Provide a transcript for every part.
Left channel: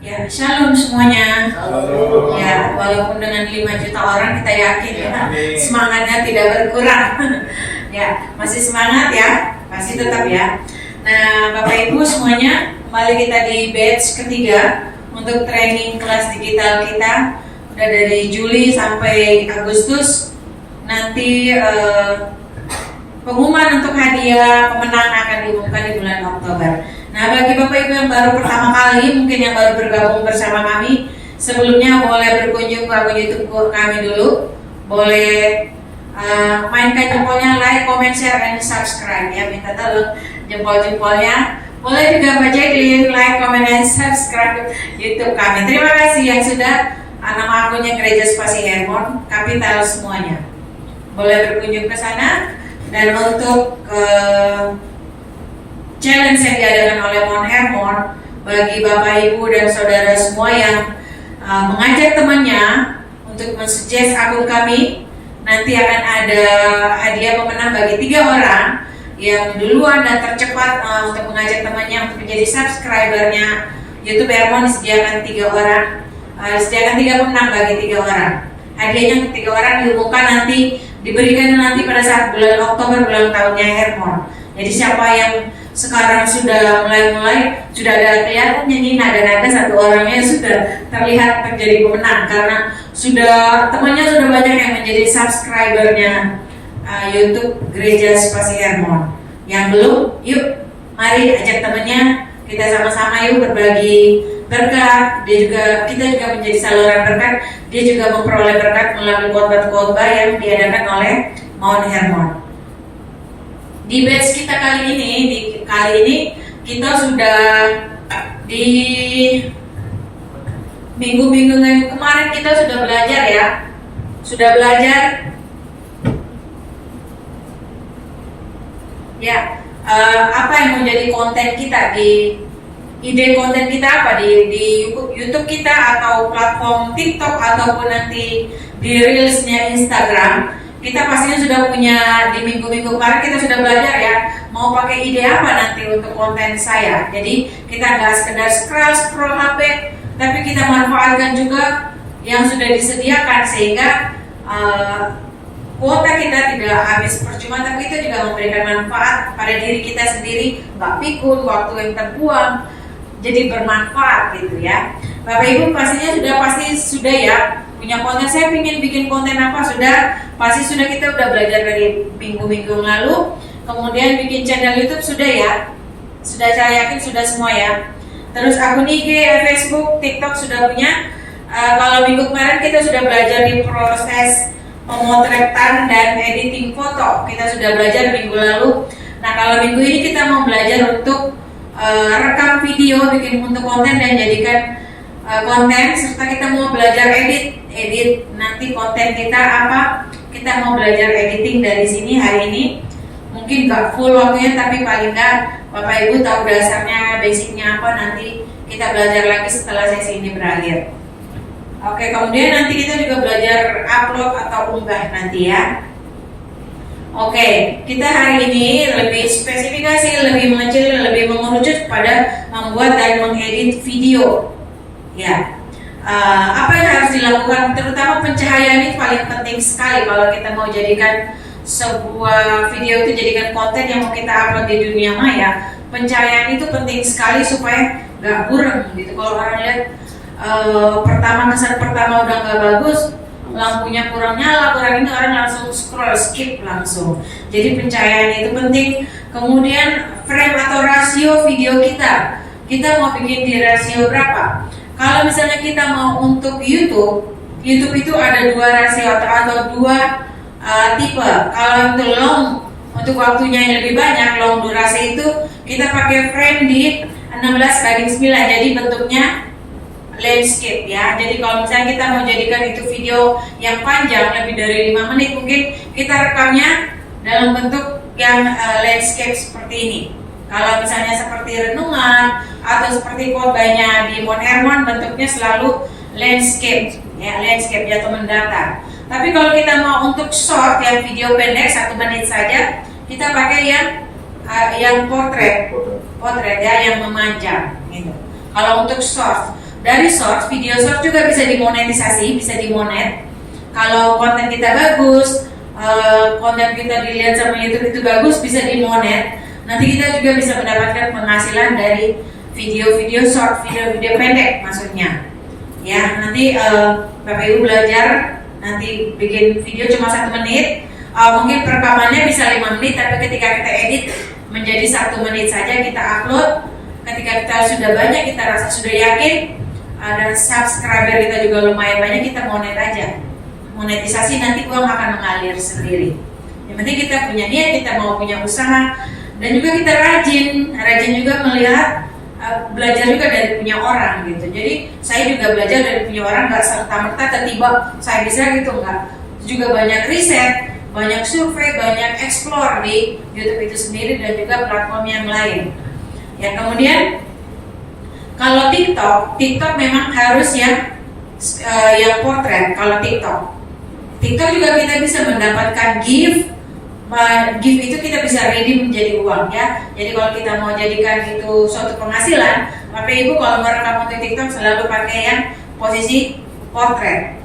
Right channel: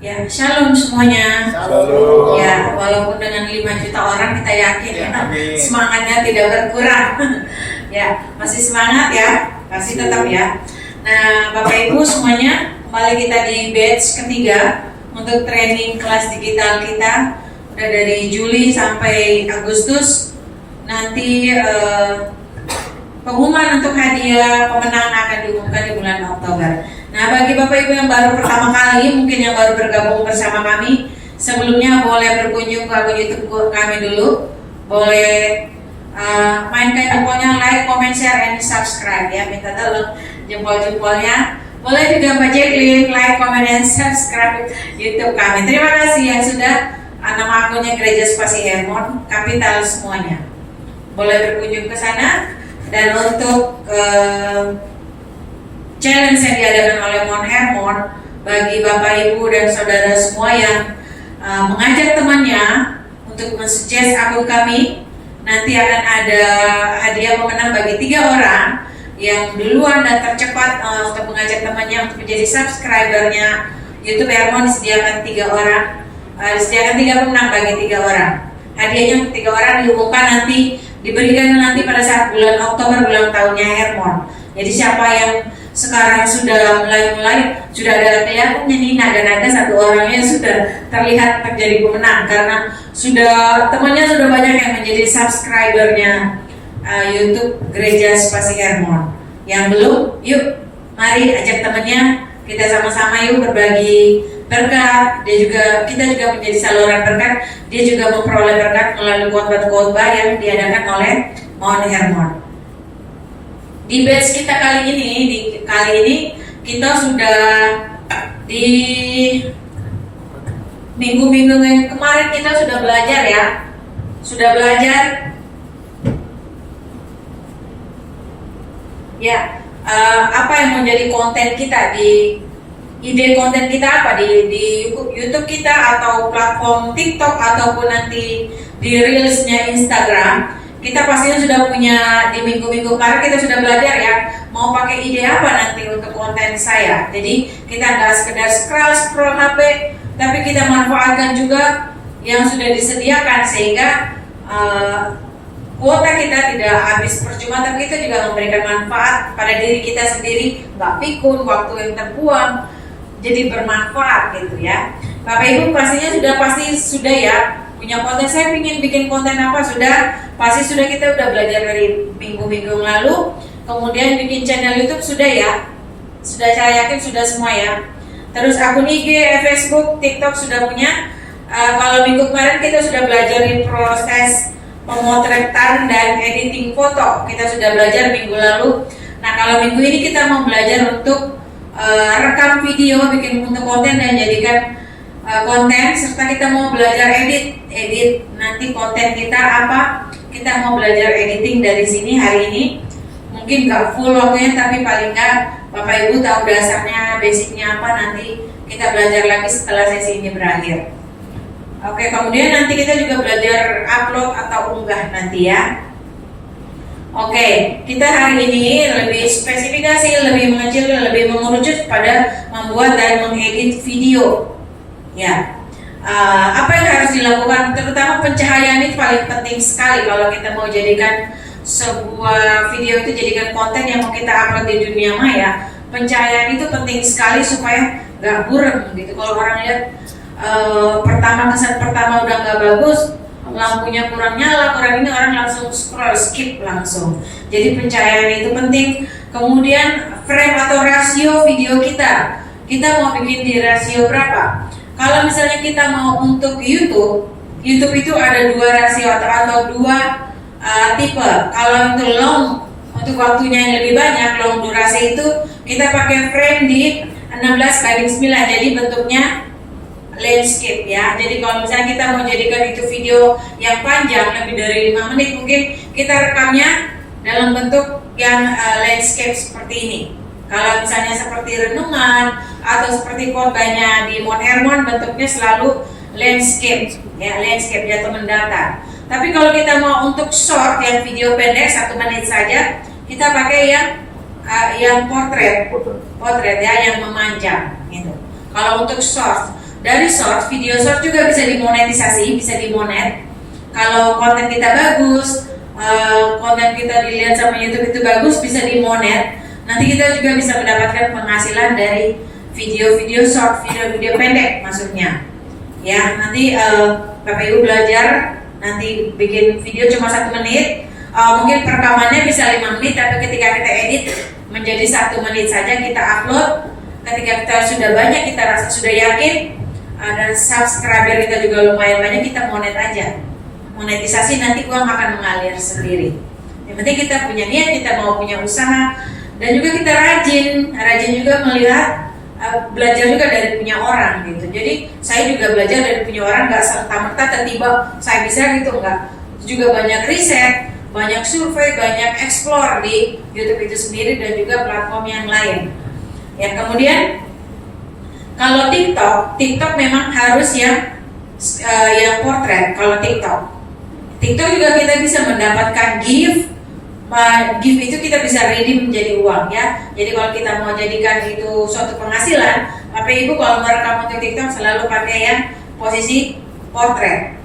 Ya, shalom semuanya. Halo. Ya, walaupun dengan 5 juta orang kita yakin ya, Amin. semangatnya tidak berkurang. Ya, masih semangat ya, masih tetap ya. Nah, Bapak Ibu semuanya, kembali kita di batch ketiga untuk training kelas digital kita. Udah dari Juli sampai Agustus. Nanti pengumuman untuk hadiah pemenang akan diumumkan di bulan Oktober. Nah, bagi Bapak Ibu yang baru pertama kali, mungkin yang baru bergabung bersama kami, sebelumnya boleh berkunjung ke akun YouTube kami dulu. Boleh mainkan jempolnya, like, comment, share, and subscribe ya. Minta tolong jempol-jempolnya. Boleh juga baca link, like, comment, and subscribe YouTube kami. Terima kasih yang sudah. Nama akunnya Gereja Spasi Hermon, kapital semuanya. Boleh berkunjung ke sana. Dan untuk challenge yang diadakan oleh Mon Hermon bagi Bapak Ibu dan Saudara semua yang mengajak temannya untuk mensuggest akun kami, nanti akan ada hadiah pemenang bagi 3 orang yang duluan dan tercepat untuk mengajak temannya untuk menjadi subscribernya YouTube Hermon. Disediakan 3 orang, disediakan 3 pemenang bagi 3 orang. Hadiahnya untuk 3 orang diumumkan nanti, diberikan nanti pada saat bulan Oktober, bulan tahunnya Hermon. Jadi siapa yang sekarang sudah mulai sudah ada kelihatan nih nada-nada satu orangnya sudah terlihat menjadi pemenang karena temannya sudah banyak yang menjadi subscribernya YouTube Gereja Spasi Hermon. Yang belum, yuk mari ajak temannya, kita sama-sama yuk berbagi berkat. Kita juga menjadi saluran berkat. Dia juga memperoleh berkat melalui khotbah-khotbah yang diadakan oleh Mon Hermon. Di batch kita kali ini kita sudah di minggu-minggu yang kemarin kita sudah belajar ya. Sudah belajar ya apa yang menjadi konten kita, di ide konten kita apa di YouTube kita atau platform TikTok ataupun nanti di Reels-nya Instagram. Kita pastinya sudah punya, di minggu-minggu kemarin kita sudah belajar ya, mau pakai ide apa nanti untuk konten saya. Jadi kita nggak sekedar scroll HP, tapi kita manfaatkan juga yang sudah disediakan sehingga kuota kita tidak habis percuma, tapi kita juga memberikan manfaat pada diri kita sendiri, nggak pikun, waktu yang terbuang, jadi bermanfaat gitu ya. Bapak Ibu pastinya pasti sudah ya punya konten. Saya ingin bikin konten apa, pasti sudah kita udah belajar dari minggu-minggu lalu. Kemudian bikin channel YouTube sudah ya, saya yakin sudah semua ya. Terus akun IG, Facebook, TikTok sudah punya. Kalau minggu kemarin kita sudah belajar di proses pemotretan dan editing foto, kita sudah belajar minggu lalu. Nah, kalau minggu ini kita mau belajar untuk rekam video, bikin untuk konten dan jadikan konten, serta kita mau belajar edit nanti konten kita apa. Kita mau belajar editing dari sini hari ini. Mungkin gak full waktunya, tapi paling gak Bapak Ibu tahu dasarnya, basicnya apa. Nanti kita belajar lagi setelah sesi ini berakhir. Oke, kemudian nanti kita juga belajar upload atau unggah nanti ya. Oke, kita hari ini lebih spesifikasi, lebih mengecil, lebih mengerucut pada membuat dan mengedit video. Ya, apa yang harus dilakukan, terutama pencahayaan ini paling penting sekali kalau kita mau jadikan sebuah video itu jadikan konten yang mau kita upload di dunia maya. Pencahayaan itu penting sekali supaya nggak burem gitu. Kalau orang lihat kesan pertama udah nggak bagus, lampunya kurang nyala, kurang ini, orang langsung skip langsung. Jadi pencahayaan itu penting. Kemudian frame atau rasio video kita mau bikin di rasio berapa? Kalau misalnya kita mau untuk YouTube itu ada 2 rasio atau 2 tipe. Kalau untuk long, untuk waktunya yang lebih banyak, long durasi itu kita pakai frame di 16:9, jadi bentuknya landscape ya. Jadi kalau misalnya kita mau jadikan itu video yang panjang lebih dari 5 menit, mungkin kita rekamnya dalam bentuk yang landscape seperti ini. Kalau misalnya seperti renungan atau seperti khotbahnya di Mon Hermon, bentuknya selalu landscape ya, landscape atau mendatar. Tapi kalau kita mau untuk short yang video pendek 1 menit saja, kita pakai yang portrait ya, yang memanjang gitu. Kalau untuk short dari short, video short juga bisa dimonetisasi, bisa dimonet. Kalau konten kita bagus, konten kita dilihat sama YouTube itu bagus, bisa dimonet. Nanti kita juga bisa mendapatkan penghasilan dari video-video short, video-video pendek maksudnya. Ya, nanti Bapak Ibu belajar nanti bikin video cuma 1 menit. Mungkin perekamannya bisa 5 menit, tapi ketika kita edit menjadi 1 menit saja kita upload. Ketika kita sudah banyak, kita rasa sudah yakin, dan subscriber kita juga lumayan banyak, kita monet aja. Monetisasi, nanti uang akan mengalir sendiri. Yang penting kita punya niat, kita mau punya usaha, dan juga kita rajin juga melihat, belajar juga dari punya orang gitu. Jadi saya juga belajar dari punya orang, nggak serta-merta tiba-tiba saya bisa gitu, enggak. Juga banyak riset, banyak survei, banyak explore di YouTube itu sendiri dan juga platform yang lain. Ya, kemudian kalau TikTok memang harus yang portrait. Kalau TikTok juga kita bisa mendapatkan gift itu kita bisa redeem menjadi uang ya. Jadi kalau kita mau jadikan itu suatu penghasilan, Bapak Ibu kalau merekam untuk TikTok selalu pakai yang posisi portrait.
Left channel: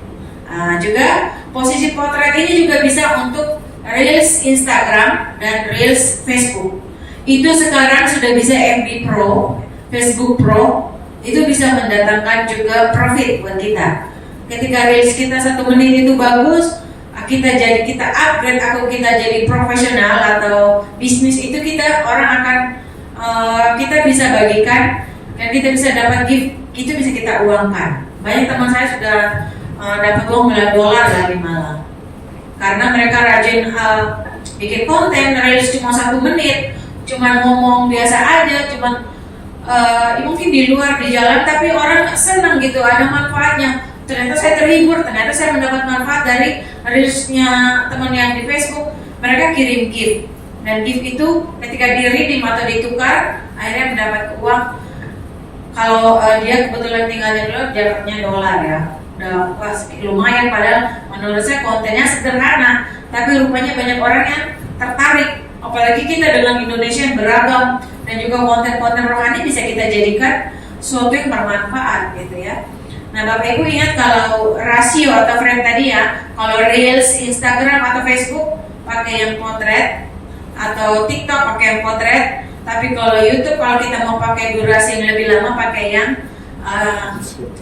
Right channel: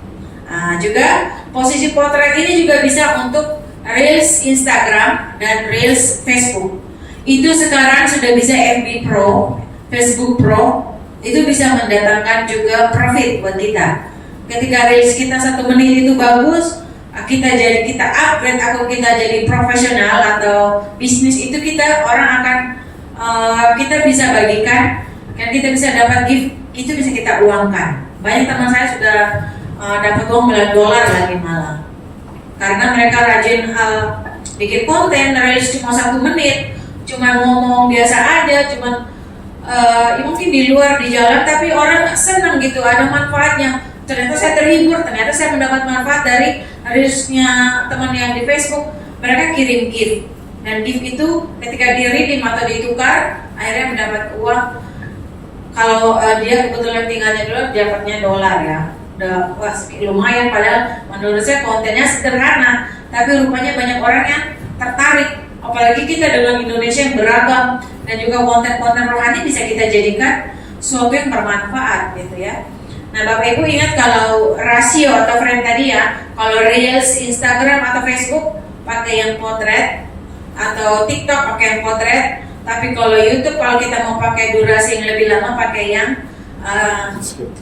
Juga posisi portrait ini juga bisa untuk Reels Instagram dan Reels Facebook. Itu sekarang sudah bisa FB Pro, Facebook Pro, itu bisa mendatangkan juga profit buat kita. Ketika Reels kita 1 menit itu bagus, kita upgrade atau kita jadi profesional atau bisnis, itu orang akan kita bisa bagikan dan kita bisa dapat gift, itu bisa kita uangkan. Banyak teman saya sudah dapat uang $9 lagi malah, karena mereka rajin bikin konten. Reels cuma 1 menit, cuma ngomong biasa aja, mungkin di luar di jalan, tapi orang senang gitu, ada manfaatnya. Ternyata saya terhibur, ternyata saya mendapat manfaat dari reelsnya teman yang di Facebook. Mereka kirim gift, dan gift itu ketika di-redeem atau ditukar, akhirnya mendapat uang. Kalau dia kebetulan tinggalnya dulu, dapatnya $, ya. Udah lumayan, padahal menurut saya kontennya sederhana, tapi rupanya banyak orang yang tertarik. Apalagi kita dengan Indonesia yang beragam, dan juga konten-konten rohani bisa kita jadikan sesuatu yang bermanfaat gitu ya. Nah, Bapak Ibu ingat kalau rasio atau frame tadi ya, kalau Reels Instagram atau Facebook pakai yang potret, atau TikTok pakai yang potret, tapi kalau YouTube kalau kita mau pakai durasi yang lebih lama pakai yang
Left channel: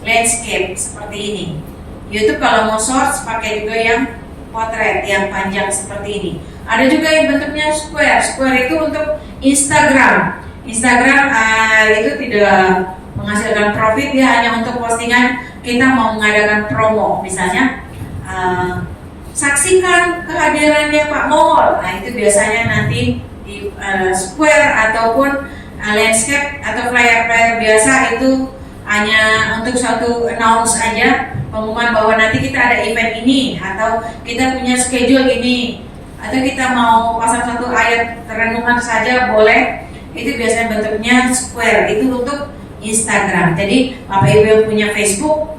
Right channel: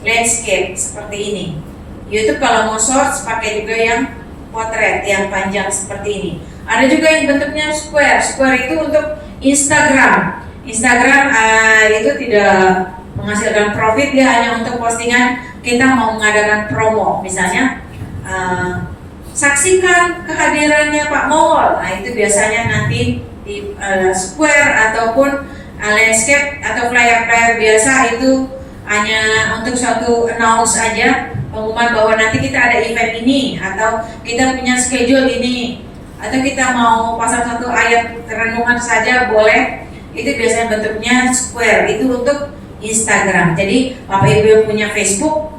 landscape seperti ini. YouTube kalau mau shorts pakai juga yang potret, yang panjang seperti ini. Ada juga yang bentuknya square itu untuk Instagram itu tidak menghasilkan profit, dia hanya untuk postingan kita mau mengadakan promo, misalnya saksikan kehadirannya Pak Mongol. Nah, itu biasanya nanti di square ataupun landscape atau flyer biasa, itu hanya untuk suatu announce aja, pengumuman bahwa nanti kita ada event ini, atau kita punya schedule ini, atau kita mau pasang satu ayat renungan saja boleh. Itu biasanya bentuknya square, itu untuk Instagram. Jadi Bapak Ibu yang punya Facebook,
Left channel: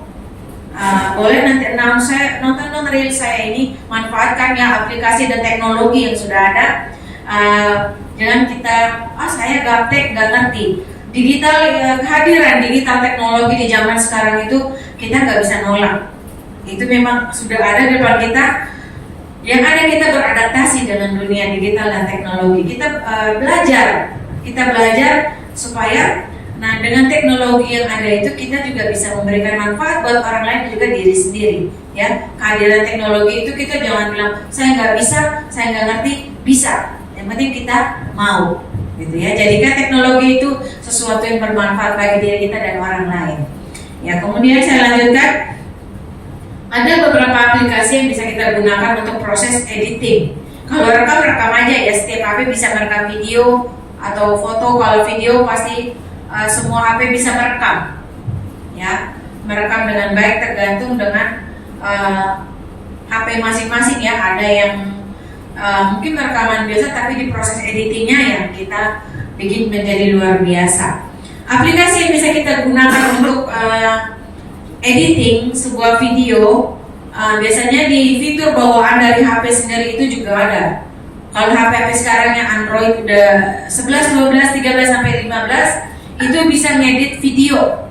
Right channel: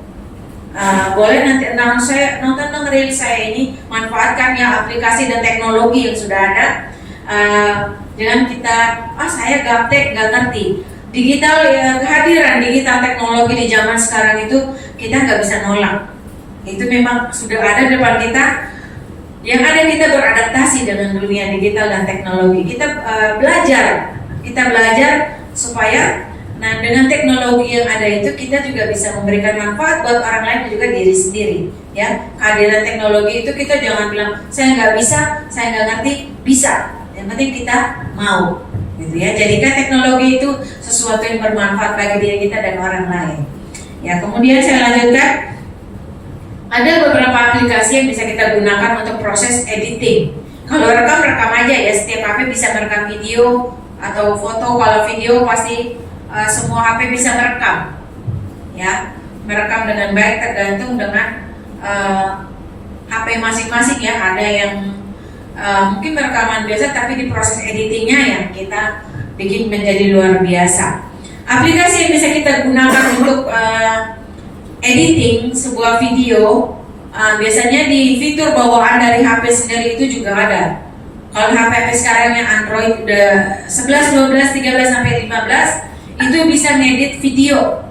boleh nanti nonton reel saya ini, manfaatkan ya aplikasi dan teknologi yang sudah ada. Jangan kita saya gaptek, nggak ngerti kehadiran digital teknologi di zaman sekarang itu kita nggak bisa nolak. Itu memang sudah ada di depan kita. Yang ada kita beradaptasi dengan dunia digital dan teknologi. Kita belajar supaya dengan teknologi yang ada itu kita juga bisa memberikan manfaat buat orang lain dan juga diri sendiri. Ya, kehadiran teknologi itu kita jangan bilang saya nggak bisa, saya nggak ngerti, bisa. Yang penting kita mau, gitu ya. Jadikan teknologi itu sesuatu yang bermanfaat bagi diri kita dan orang lain. Ya, kemudian saya lanjutkan. Ada beberapa aplikasi yang bisa kita gunakan untuk proses editing. Kalau rekam aja ya, setiap HP bisa merekam video atau foto. Kalau video pasti semua HP bisa merekam, ya, merekam dengan baik tergantung dengan HP masing-masing ya. Ada yang mungkin rekaman biasa, tapi di proses editingnya yang kita bikin menjadi luar biasa. Aplikasi yang bisa kita gunakan untuk editing sebuah video, biasanya di fitur bawaan dari HP sendiri itu juga ada. Kalau HP sekarang yang Android udah 11, 12, 13 sampai 15 itu bisa ngedit video.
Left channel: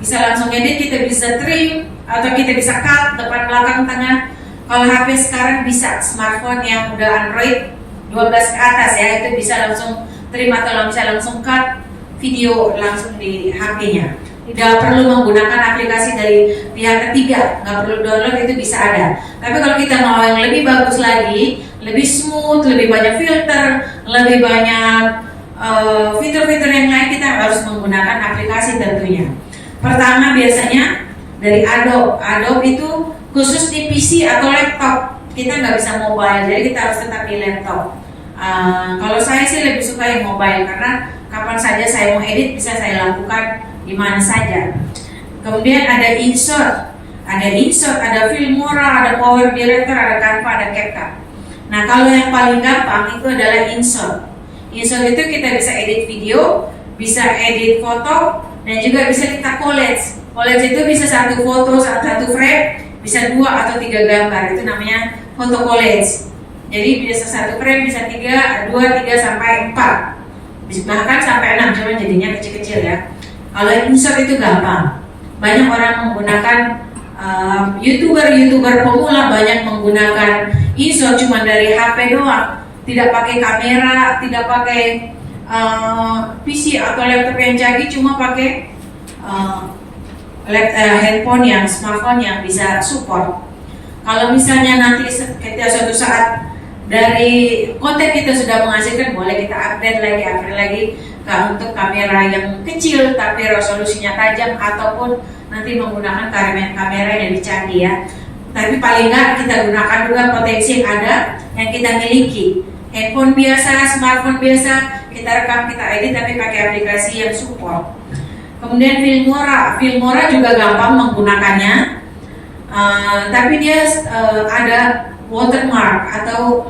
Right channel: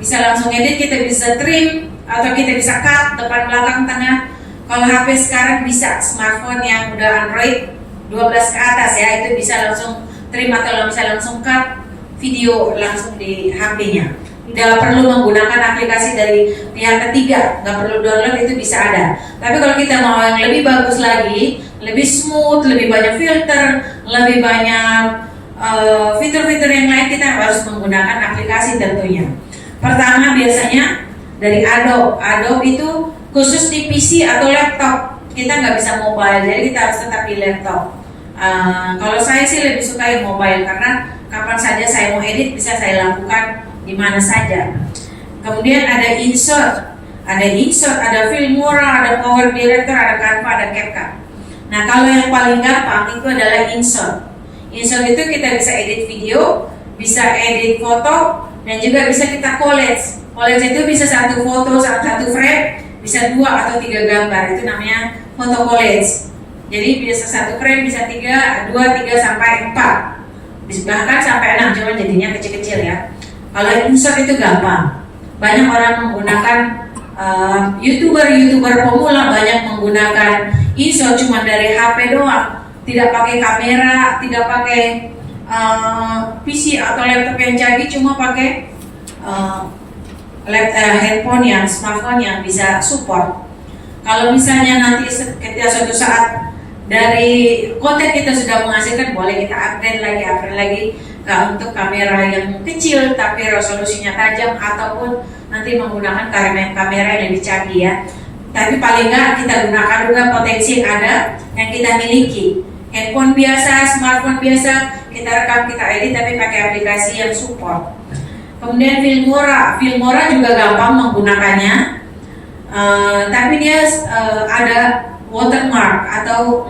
bisa langsung edit, kita bisa trim atau kita bisa cut depan belakang tengah. Kalau HP sekarang bisa, smartphone yang udah Android 12 ke atas ya, itu bisa langsung trim atau bisa langsung cut video langsung di HP-nya. Nggak perlu menggunakan aplikasi dari pihak ketiga, nggak perlu download, itu bisa ada. Tapi kalau kita mau yang lebih bagus lagi, lebih smooth, lebih banyak filter, lebih banyak fitur-fitur yang lain, kita harus menggunakan aplikasi tentunya. Pertama biasanya dari Adobe. Adobe itu khusus di PC atau laptop, kita nggak bisa mobile, jadi kita harus tetap di laptop. Kalau saya sih lebih suka yang mobile, karena kapan saja saya mau edit bisa saya lakukan di mana saja. Kemudian ada insert, ada Filmora, ada Power Director, ada Canva, ada CapCut. Nah kalau yang paling gampang itu adalah insert. Insert itu kita bisa edit video, bisa edit foto, dan juga bisa kita collage. Collage itu bisa satu foto, satu frame, bisa 2 atau 3 gambar, itu namanya foto collage. Jadi bisa satu frame, bisa 2, 3 sampai 4, bisa bahkan sampai 6, cuma jadinya kecil-kecil ya. Kalau insert itu gampang, banyak orang menggunakan YouTuber pemula banyak menggunakan insert cuma dari HP doang, tidak pakai kamera, tidak pakai PC atau laptop yang canggih, cuma pakai handphone yang smartphone yang bisa support. Kalau misalnya nanti ketika suatu saat dari konten kita sudah menghasilkan, boleh kita upgrade lagi untuk kamera yang kecil tapi resolusinya tajam, ataupun nanti menggunakan kamera yang lebih canggih ya. Tapi paling nggak kita gunakan juga potensi yang ada yang kita miliki. Handphone biasa, smartphone biasa, kita rekam, kita edit tapi pakai aplikasi yang support. Kemudian Filmora juga gampang menggunakannya, tapi dia ada watermark atau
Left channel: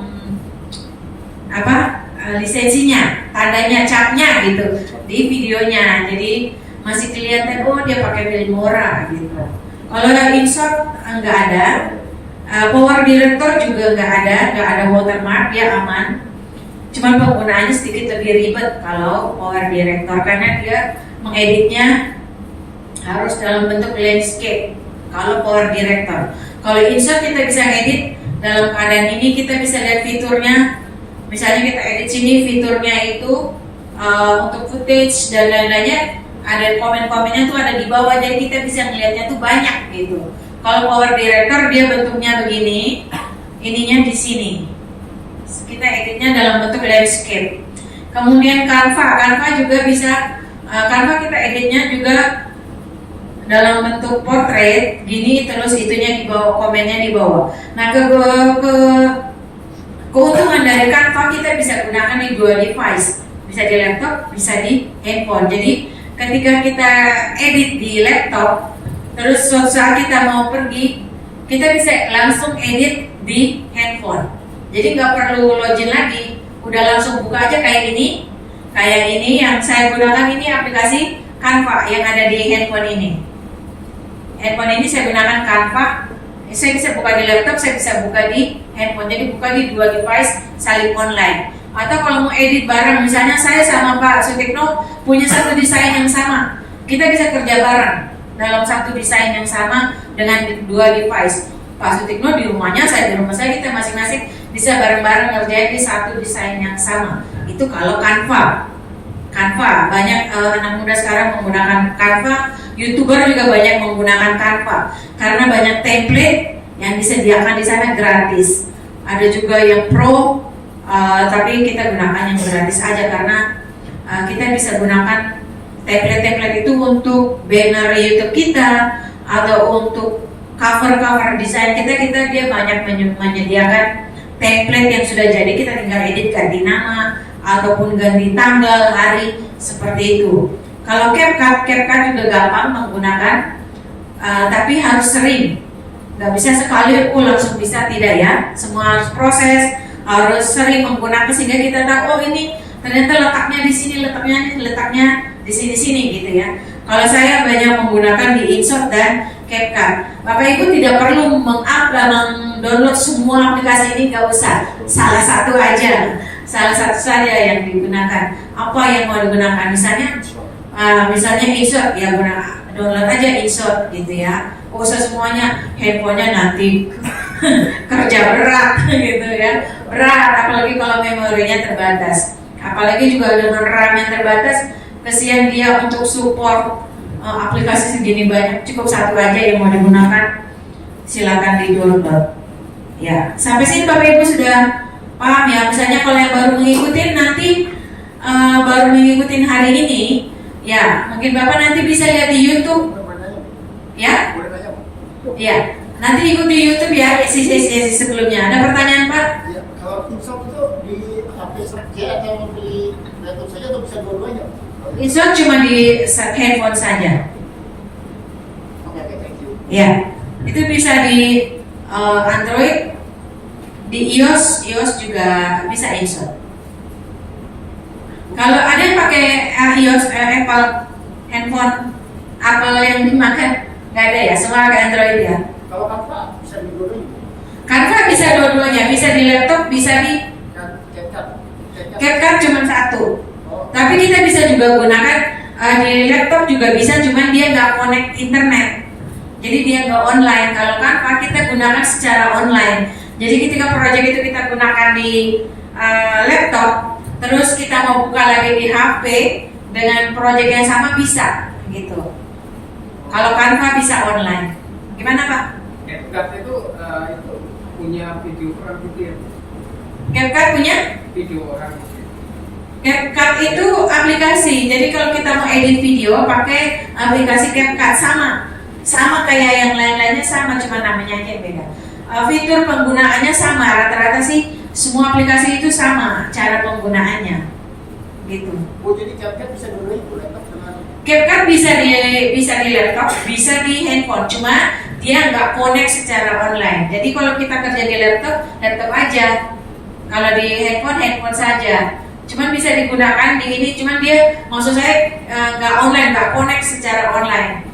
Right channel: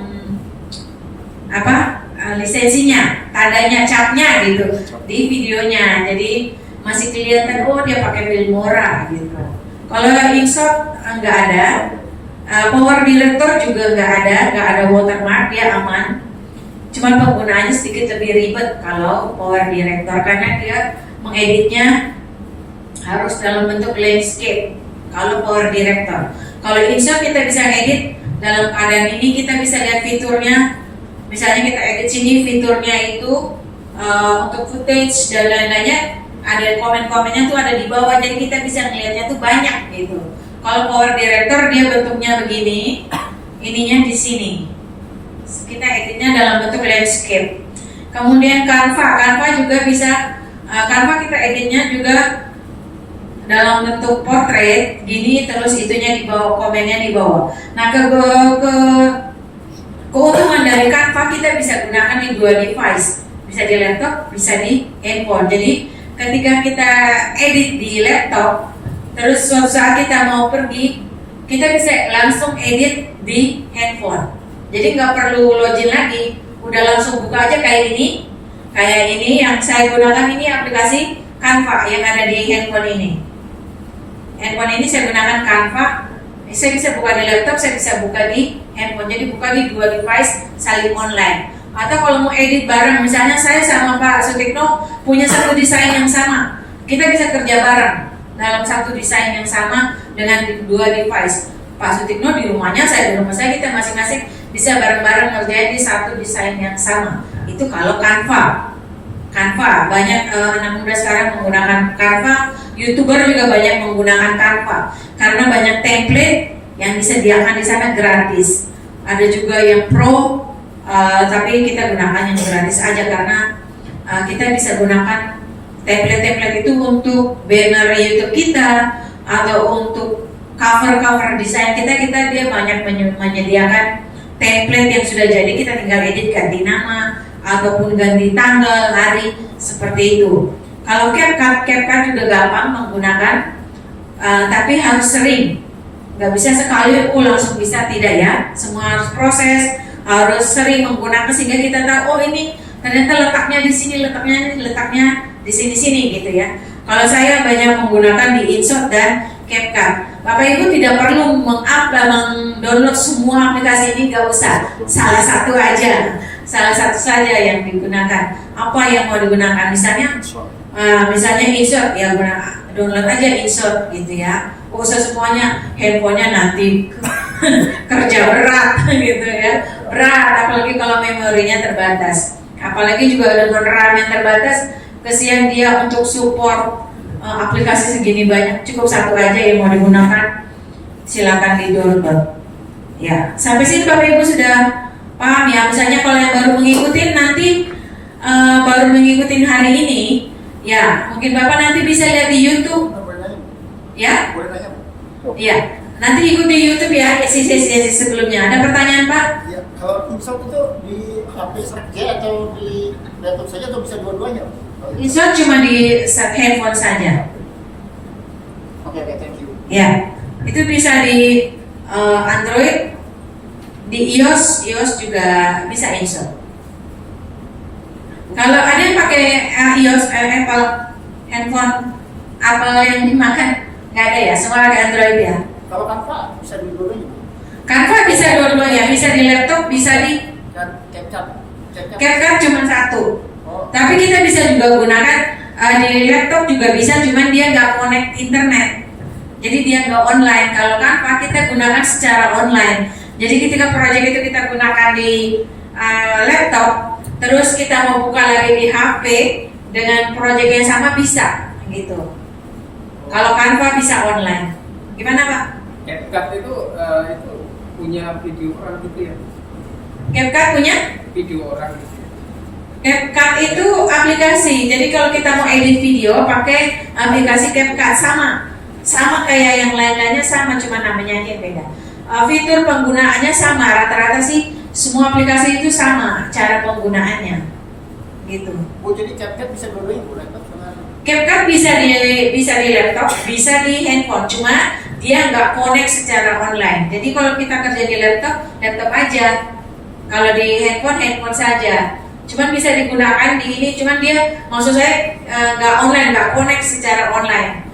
lisensinya, tandanya, capnya gitu di videonya, jadi masih kelihatan oh dia pakai Filmora gitu. Kalau yang insert nggak ada, Power Director juga nggak ada watermark, dia aman. Cuma penggunaannya sedikit lebih ribet kalau Power Director, karena dia mengeditnya harus dalam bentuk landscape. Kalau Power Director, kalau insert kita bisa edit dalam keadaan ini, kita bisa lihat fiturnya. Misalnya kita edit sini, fiturnya itu untuk footage dan lain-lainnya, ada komen-komennya tuh ada di bawah, jadi kita bisa melihatnya tuh banyak gitu. Kalau Power Director dia bentuknya begini, ininya di sini. Kita editnya dalam bentuk landscape. Kemudian Canva juga bisa, Canva kita editnya juga dalam bentuk portrait gini, terus itunya di bawah, komennya di bawah. Nah keuntungan dari Canva, kita bisa gunakan di 2 device, bisa di laptop, bisa di handphone. Jadi ketika kita edit di laptop, terus suatu saat kita mau pergi, kita bisa langsung edit di handphone. Jadi nggak perlu login lagi, udah langsung buka aja kayak ini yang saya gunakan ini aplikasi Canva yang ada di handphone ini. Handphone ini saya gunakan Canva. Saya bisa buka di laptop, saya bisa buka di handphone. Jadi buka di 2 device saling online. Atau kalau mau edit bareng, misalnya saya sama Pak Sutikno punya satu desain yang sama, kita bisa kerja bareng dalam satu desain yang sama dengan 2 device. Pak Sutikno di rumahnya, saya di rumah saya, kita masing-masing bisa bareng-bareng ngerjain di satu desain yang sama. Itu kalau Canva banyak anak muda sekarang menggunakan Canva. YouTuber juga banyak menggunakan Canva karena banyak template yang disediakan di sana gratis. Ada juga yang pro, tapi kita gunakan yang gratis aja karena kita bisa gunakan template-template itu untuk banner YouTube kita atau untuk cover desain kita dia banyak menyediakan template yang sudah jadi, kita tinggal edit ganti nama ataupun ganti tanggal, hari, seperti itu. Kalau CapCut juga gampang menggunakan, tapi harus sering, nggak bisa sekali langsung bisa, tidak ya. Semua harus proses, harus sering menggunakan sehingga kita tahu oh ini ternyata letaknya di sini, letaknya di sini gitu ya. Kalau saya banyak menggunakan di Insert dan CapCut. Bapak Ibu tidak perlu download semua aplikasi ini, nggak usah. Salah satu saja yang digunakan. Apa yang mau digunakan? Misalnya Insert ya, download aja InShot gitu ya. Usah semuanya handphonenya nanti kerja berat gitu ya, berat, apalagi kalau memorinya terbatas, apalagi juga dengan RAM yang terbatas, kesian dia untuk support aplikasi segini banyak. Cukup satu aja yang mau digunakan, silakan di download ya. Sampai sini Bapak Ibu sudah paham ya. Misalnya kalau yang baru mengikuti nanti baru mengikuti hari ini ya, mungkin Bapak nanti bisa lihat di YouTube ya. Ya, nanti ikuti YouTube ya sesi sebelumnya. Ada pertanyaan Pak? Ya, kalau InShot itu di HP saja atau di laptop saja atau bisa dua-duanya? InShot cuma di handphone saja. Oke, thank you. Ya, itu bisa di Android, di iOS juga bisa InShot. Kalau ada yang pakai iOS, Apple handphone Apple yang dimakan, nggak ada ya, semua ada Android ya. Kalau Canva bisa di dua-duanya? Canva bisa dua-duanya, bisa di laptop, bisa di Dan CapCut cuma satu. Oh. Tapi kita bisa juga gunakan di laptop juga bisa, cuman dia nggak connect internet. Jadi dia nggak online. Kalau Canva kita gunakan secara online. Jadi ketika proyek itu kita gunakan di laptop, terus kita mau buka lagi di HP dengan proyek yang sama bisa, gitu. Kalau Canva bisa online. Gimana Pak? CapCut itu punya video orang gitu ya? CapCut punya? Video orang. CapCut itu aplikasi. Jadi kalau kita mau edit video pakai aplikasi CapCut sama kayak yang lain-lainnya, sama, cuma namanya aja yang beda. Fitur penggunaannya sama, rata-rata sih semua aplikasi itu sama cara penggunaannya, gitu. Oh, jadi CapCut bisa dua-duanya laptop dengan CapCut bisa di laptop, bisa di handphone, cuma dia nggak connect secara online. Jadi kalau kita kerja di laptop aja. Kalau di handphone saja. Cuman bisa digunakan di ini, cuman dia maksud saya nggak online, nggak connect secara online.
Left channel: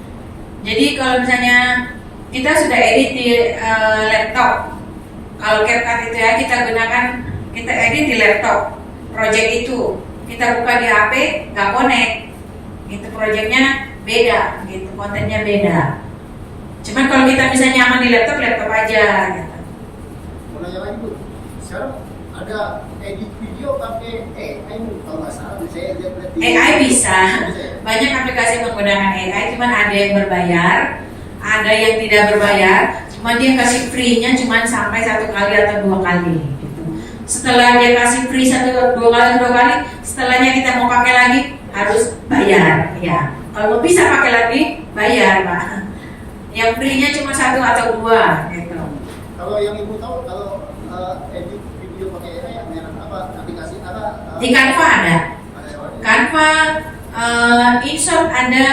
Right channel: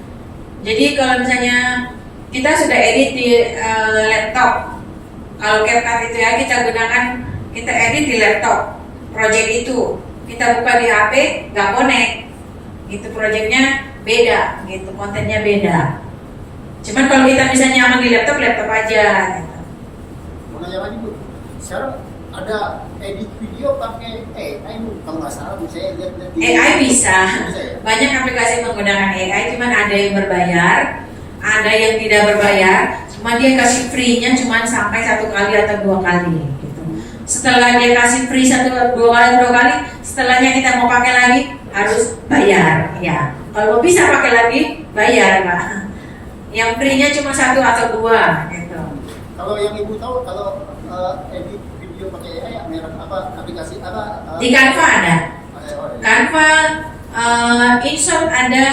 Jadi kalau misalnya kita sudah edit di laptop, kalau CapCut itu ya kita edit di laptop, project itu kita buka di HP nggak connect, itu projectnya beda, gitu, kontennya beda. Cuman kalau kita bisa nyaman di laptop aja. Gitu. Menanya lagi Bu, sekarang ada edit video pakai AI kalau nggak salah saya lihat AI bisa, banyak aplikasi menggunakan AI, cuman ada yang berbayar, ada yang tidak berbayar, cuma dia kasih free-nya cuma sampai 1 kali atau 2 kali gitu. Setelah dia kasih free 2 kali, setelahnya kita mau pakai lagi harus bayar ya. Kalau bisa pakai lagi bayar Pak. Yang free-nya cuma 1 atau 2 gitu. Kalau yang Ibu tahu kalau edit video pakai AI apa aplikasi apa? Di Canva ada. Canva, InShot ada,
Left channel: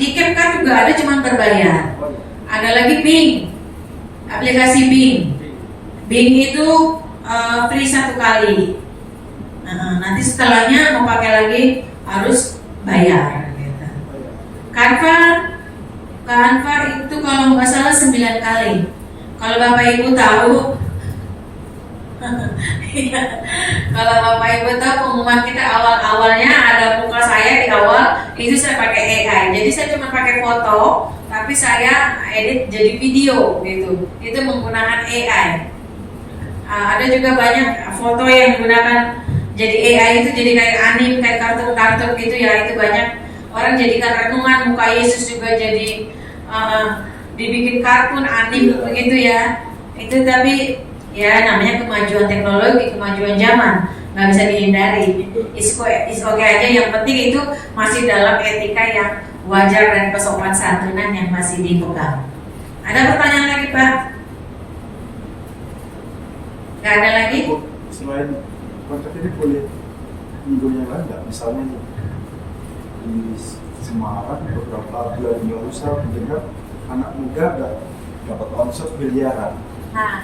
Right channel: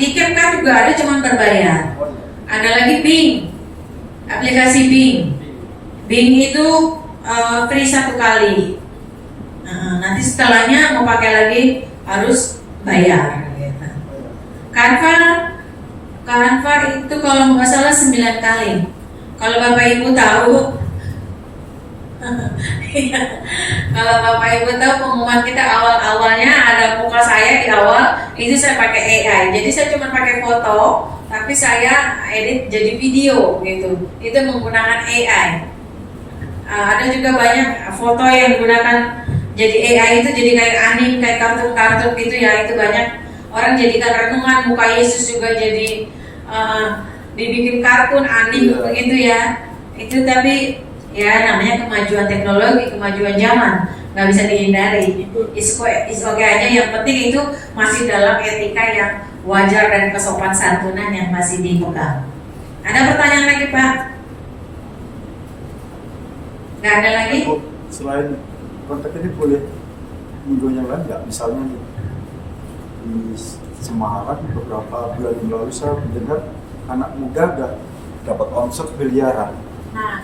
di CapCut juga ada, cuma berbayar. Ada lagi Bing, aplikasi Bing. Bing itu free 1 kali. Nanti setelahnya mau pakai lagi harus bayar. Gitu. Canva itu kalau nggak salah 9 kali. Kalau Bapak Ibu tahu, kalau Bapak Ibu tahu pengumuman kita awalnya ada muka saya di awal, itu saya pakai AI. Jadi saya cuma pakai foto, tapi saya edit jadi video gitu. Itu menggunakan AI. Ada juga banyak foto yang digunakan jadi AI itu jadi kayak anime, kayak kartun gitu ya. Itu banyak orang jadikan renungan, muka Yesus juga jadi dibikin kartun anime begitu ya. Itu tapi ya namanya kemajuan teknologi, kemajuan zaman, nggak bisa dihindari. Is okay aja, yang penting itu masih dalam etika yang wajar dan kesopan santunan yang masih dipegang. Ada pertanyaan lagi Pak? Nggak ada lagi? Selain kontak ini boleh minggu yang lain nggak? Misalnya nih, di Semarang beberapa bulan lalu saya mendengar anak muda nggak dapat omset miliaran.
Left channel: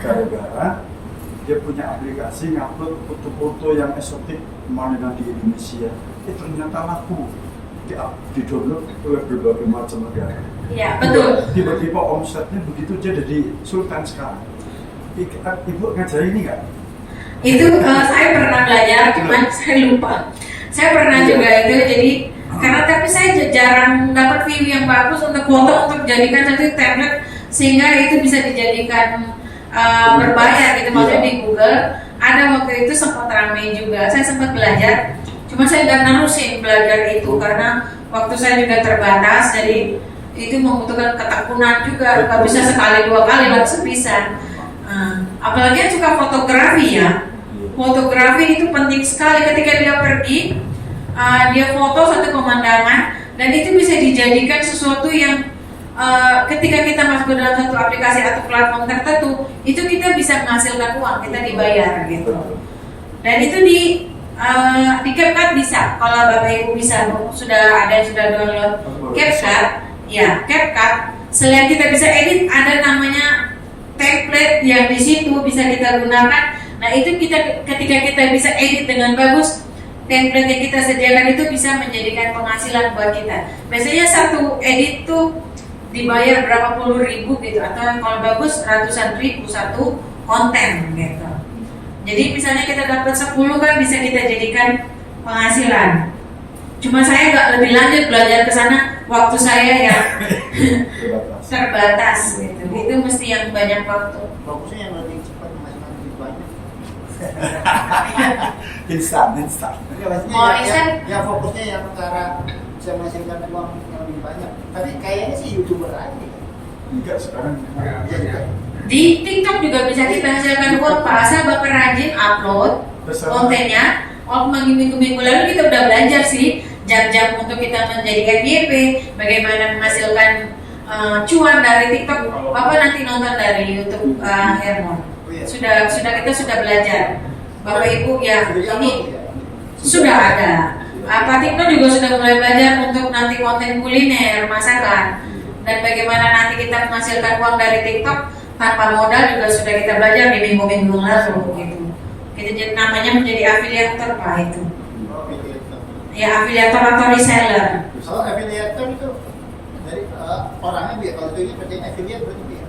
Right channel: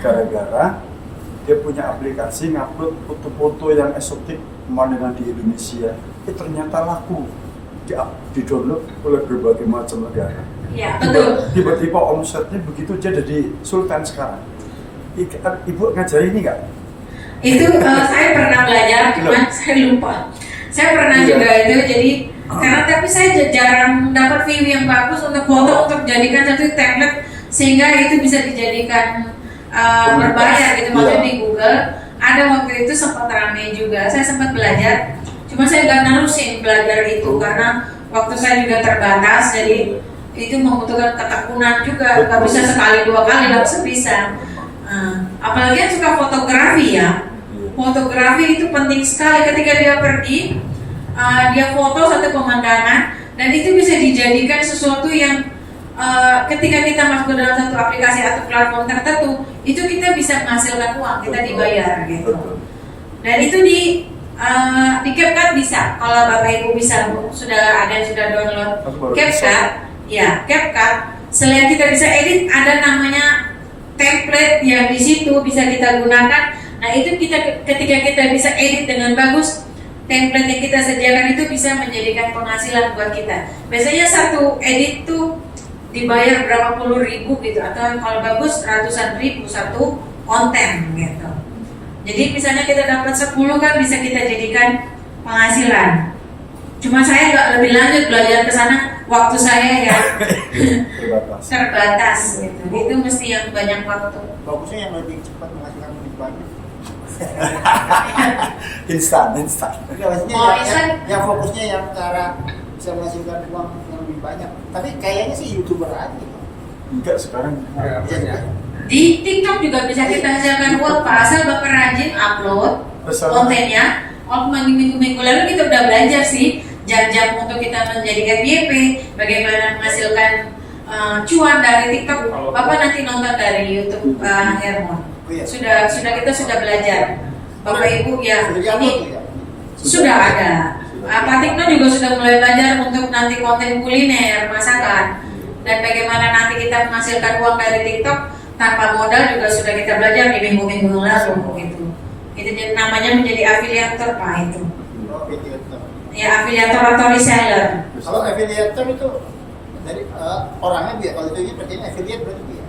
Gara-gara dia punya aplikasi ngupload foto-foto yang eksotik pemandangan di Indonesia, ternyata laku, di-download oleh berbagai macam negara. Ya, betul. Tiba-tiba omsetnya begitu dia jadi sultan sekarang. Ibu ngajari ini nggak? Itu saya pernah belajar, cuman saya lupa. Saya pernah juga itu, jadi Karena tapi saya jarang dapat view yang bagus untuk foto untuk jadikan satu template sehingga itu bisa dijadikan berbayar gitu. Maksudnya di Google ada waktu itu sempat ramai juga. Saya sempat belajar, cuma saya nggak nerusin belajar itu karena waktu saya juga terbatas, jadi itu membutuhkan ketekunan juga. Nggak bisa sekali dua kali langsung bisa. Apalagi yang suka fotografi ya. Fotografi itu penting sekali ketika dia pergi. Dia foto satu pemandangan dan itu bisa dijadikan sesuatu yang ketika kita masuk ke dalam satu aplikasi atau platform tertentu itu kita bisa menghasilkan uang, kita dibayar gitu. Dan itu di CapCut bisa, kalau Bapak Ibu bisa, sudah ada yang sudah download CapCut, ya CapCut. Selain kita bisa edit, ada namanya template yang di situ bisa kita gunakan. Nah itu kita ketika kita bisa edit dengan bagus, template yang kita sediakan itu bisa menjadikan penghasilan buat kita. Biasanya satu edit tuh dibayar berapa puluh ribu gitu, atau kalau bagus ratusan ribu satu konten gitu. Jadi misalnya kita dapat 10 kan bisa kita jadikan penghasilan. Cuma saya nggak lebih lanjut belajar ke sana, waktu saya ya terbatas gitu. Itu mesti yang banyak waktu. Bagusnya yang lebih cepat menghasilkan lebih banyak. instan. Tapi maksudnya yang fokusnya yang cara bisa menghasilkan uang yang lebih banyak. Tapi kayaknya sih YouTuber aja. Enggak sekarang. Bisa juga. Di TikTok juga bisa kita hasilkan uang asal Bapak rajin upload kontennya. Minggu-minggu lalu kita udah belajar sih jam-jam untuk kita menjadi FYP, bagaimana menghasilkan cuan dari TikTok. Bapak nanti nonton dari YouTube Hermon. Kita sudah belajar. Bapak Ibu ya ini sudah ada. Pak TikTok juga sudah mulai belajar untuk nanti konten kuliner, masakan, dan bagaimana nanti kita menghasilkan uang dari TikTok tanpa modal juga sudah kita belajar di minggu-minggu lalu gitu. Itu jadi namanya menjadi afiliator Pak itu. Ya afiliator atau reseller. Kalau afiliator itu dari orangnya biar kalau itu berarti affiliate berarti biar.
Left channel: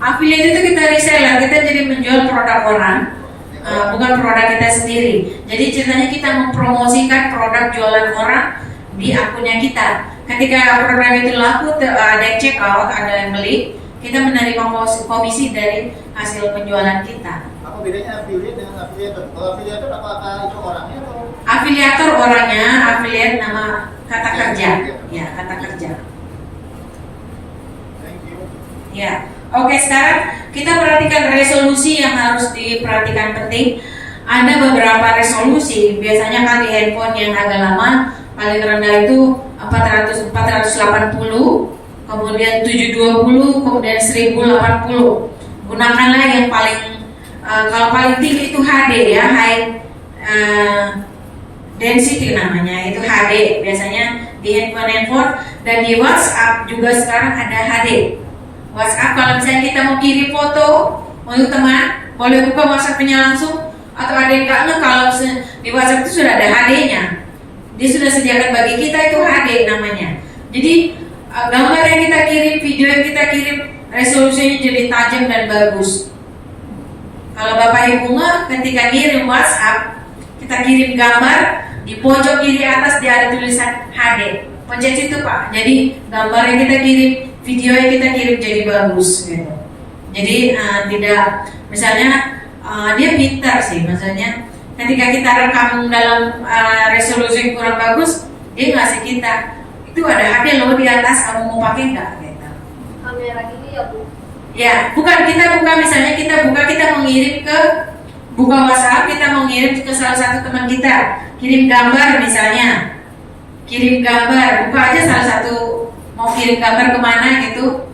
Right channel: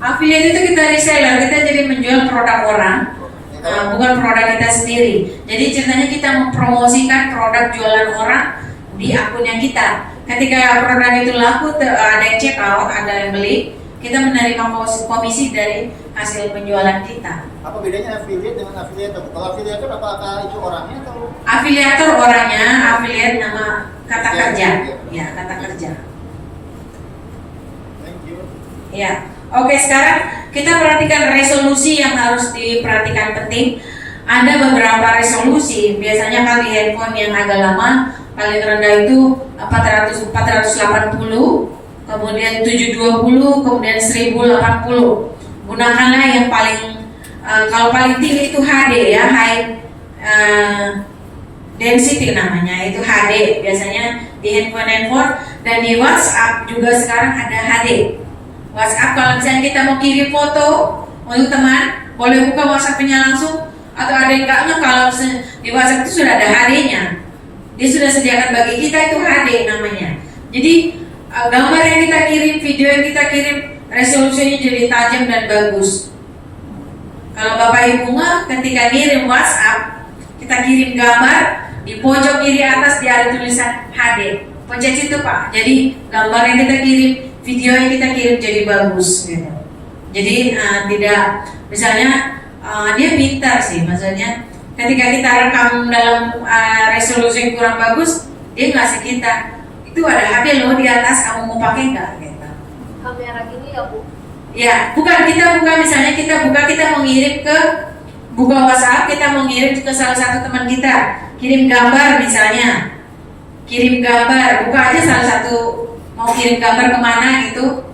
Affiliate itu kita reseller, kita jadi menjual produk orang, bukan produk kita sendiri. Jadi ceritanya kita mempromosikan produk jualan orang di akunnya kita. Ketika produk itu laku, ada yang check out, ada yang beli, kita menerima komisi dari hasil penjualan kita. Apa bedanya affiliate dengan afiliator? Kalau afiliator apakah itu orangnya atau? Afiliator orangnya, affiliate nama kata kerja, ya kata kerja. Thank you. Ya. Oke, sekarang kita perhatikan resolusi yang harus diperhatikan penting. Ada beberapa resolusi, biasanya kan di handphone yang agak lama, paling rendah itu 480, kemudian 720, kemudian 1080. Gunakanlah yang paling, kalau paling tinggi itu HD ya, high density namanya, itu HD. Biasanya di handphone dan di WhatsApp juga sekarang ada HD. WhatsApp kalau misalnya kita mau kirim foto untuk teman, boleh buka WhatsApp-nya langsung, atau ada yang enggaknya kalau di WhatsApp itu sudah ada HD-nya. Dia sudah sediakan bagi kita itu HD namanya. Jadi gambar yang kita kirim, video yang kita kirim, resolusinya jadi tajam dan bagus. Kalau Bapak Ibu ketika kirim WhatsApp, kita kirim gambar, di pojok kiri atas dia ada tulisan HD. Pencet itu Pak. Jadi gambar yang kita kirim, video yang kita kirim jadi bagus gitu. Jadi tidak, misalnya dia pintar sih, maksudnya ketika kita rekam dalam resolusi yang kurang bagus, dia ngasih kita itu ada HD loh di atas, kamu mau pakai nggak gitu. Kamera gini ya Bu? Ya, kita buka misalnya kita mengirim ke buka WhatsApp, kita mau ngirim ke salah satu teman kita, kirim gambar misalnya, kirim gambar, buka aja salah satu mau kirim gambar kemana gitu,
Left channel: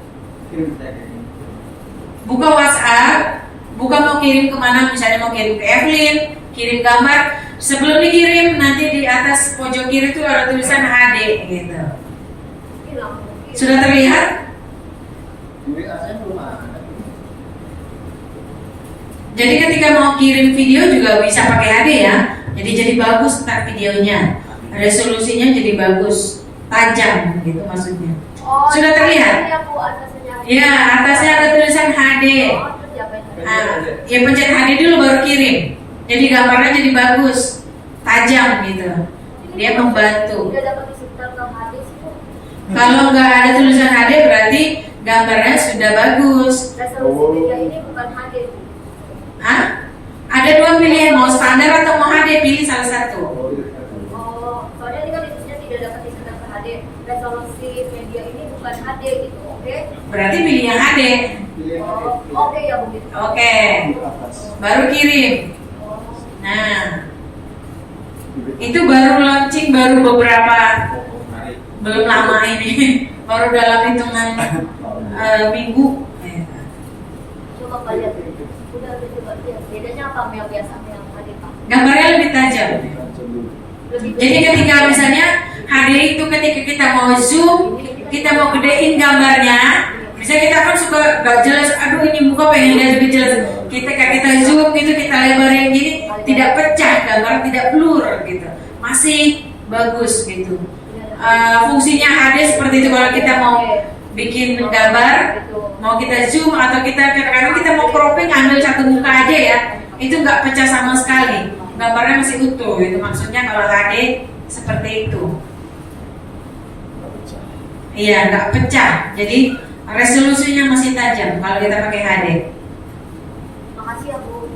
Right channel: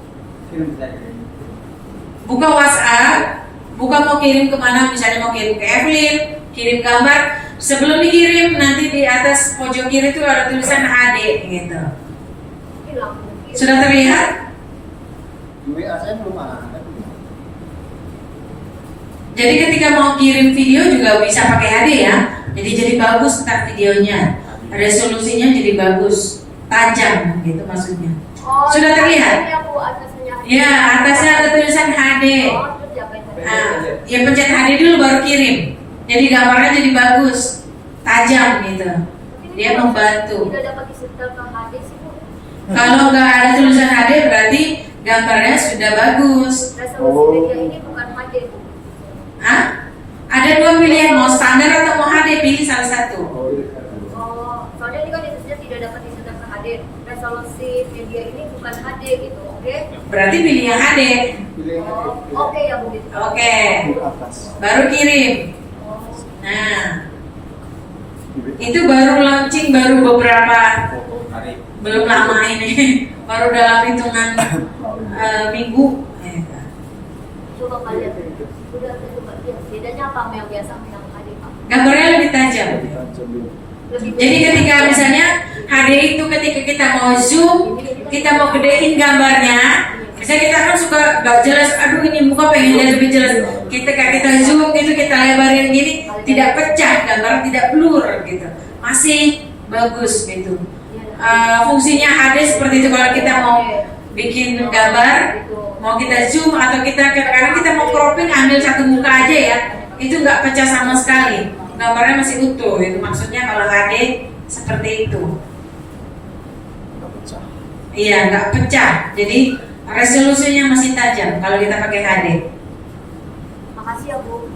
buka WhatsApp, buka mau kirim kemana, misalnya mau kirim ke Evelyn, kirim gambar, sebelum dikirim nanti di atas pojok kiri itu ada tulisan HD gitu. Sudah terlihat? WA saya belum ada. Jadi ketika mau kirim video juga bisa pakai HD ya. Jadi bagus ntar videonya, resolusinya jadi bagus, tajam gitu maksudnya. Oh, sudah terlihat? Ya Bu, atasnya. Ya, atasnya ada tulisan HD. Oh, terus ya pencet. Ya pencet HD dulu baru kirim. Jadi gambarnya jadi bagus, tajam gitu. Dia membantu. Tidak dapat disetel ke Kalau nggak ada tulisan HD berarti gambarnya sudah bagus. Resolusi media ini bukan HD, Bu. Hah? Ada dua pilihan, mau standar atau mau HD, pilih salah satu. Oh, soalnya ini kan ditulisnya tidak dapat disesuaikan ke HD. Resolusi media ini bukan HD gitu, oke? Berarti pilih yang HD. Pilih yang Oh, HD. oke ya Bu gitu. Oke, Di atas. baru kirim. Oh, Nah, itu baru launching, baru beberapa, belum lama ini, baru dalam hitungan minggu. coba kalian udah coba lihat bedanya apa sama yang biasa sama yang HD Pak? Gambarnya lebih tajam. Lebih Jadi ketika misalnya HD itu ketika kita mau zoom, kita mau gedein gambarnya, misalnya kita kan suka gak jelas, aduh ini muka pengen lihat lebih jelas. Ketika kita zoom gitu, kita lebarin gini, tidak pecah gambar, tidak blur gitu, masih bagus gitu. Fungsinya HD seperti itu kalau kita mau bikin gambar, mau kita zoom atau kita kadang-kadang kita mau cropping ambil satu muka aja ya, itu nggak pecah sama sekali, gambarnya masih utuh. Itu maksudnya kalau HD seperti itu. Iya, nggak pecah. Jadi resolusinya masih tajam kalau kita pakai HD. Makasih ya Bu.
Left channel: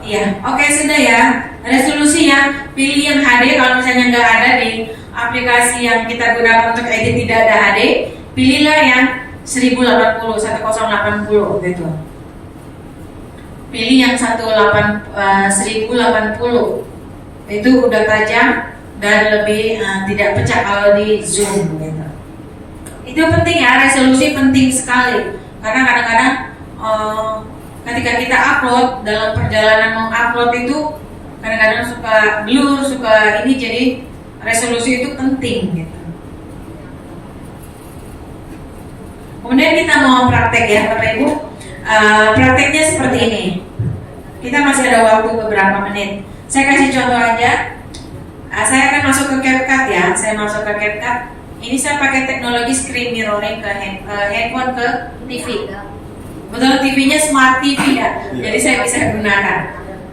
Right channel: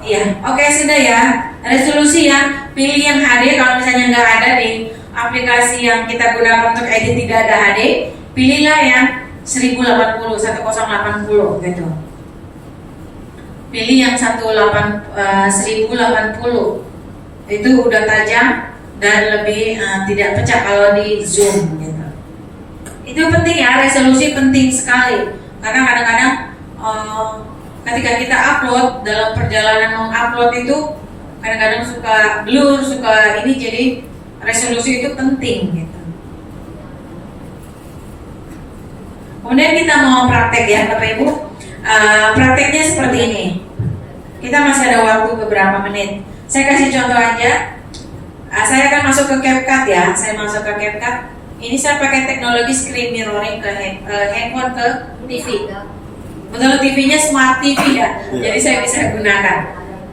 Iya, oke sudah ya. Resolusi ya, pilih yang HD. Kalau misalnya nggak ada di aplikasi yang kita gunakan untuk edit tidak ada HD, pilihlah yang 1080 gitu. Pilih yang 1080 itu udah tajam dan lebih tidak pecah kalau di zoom gitu. Itu penting ya, resolusi penting sekali karena kadang-kadang ketika kita upload, dalam perjalanan mengupload itu kadang-kadang suka blur, suka ini, jadi resolusi itu penting gitu. Kemudian kita mau praktek ya Bapak Ibu. Prakteknya seperti ini. Kita masih ada waktu beberapa menit. Saya kasih contoh aja. Saya akan masuk ke CapCut ya. Saya masuk ke CapCut. Ini saya pakai teknologi screen mirroring ke handphone ke TV. Betul, TV-nya smart TV ya. Jadi saya bisa gunakan.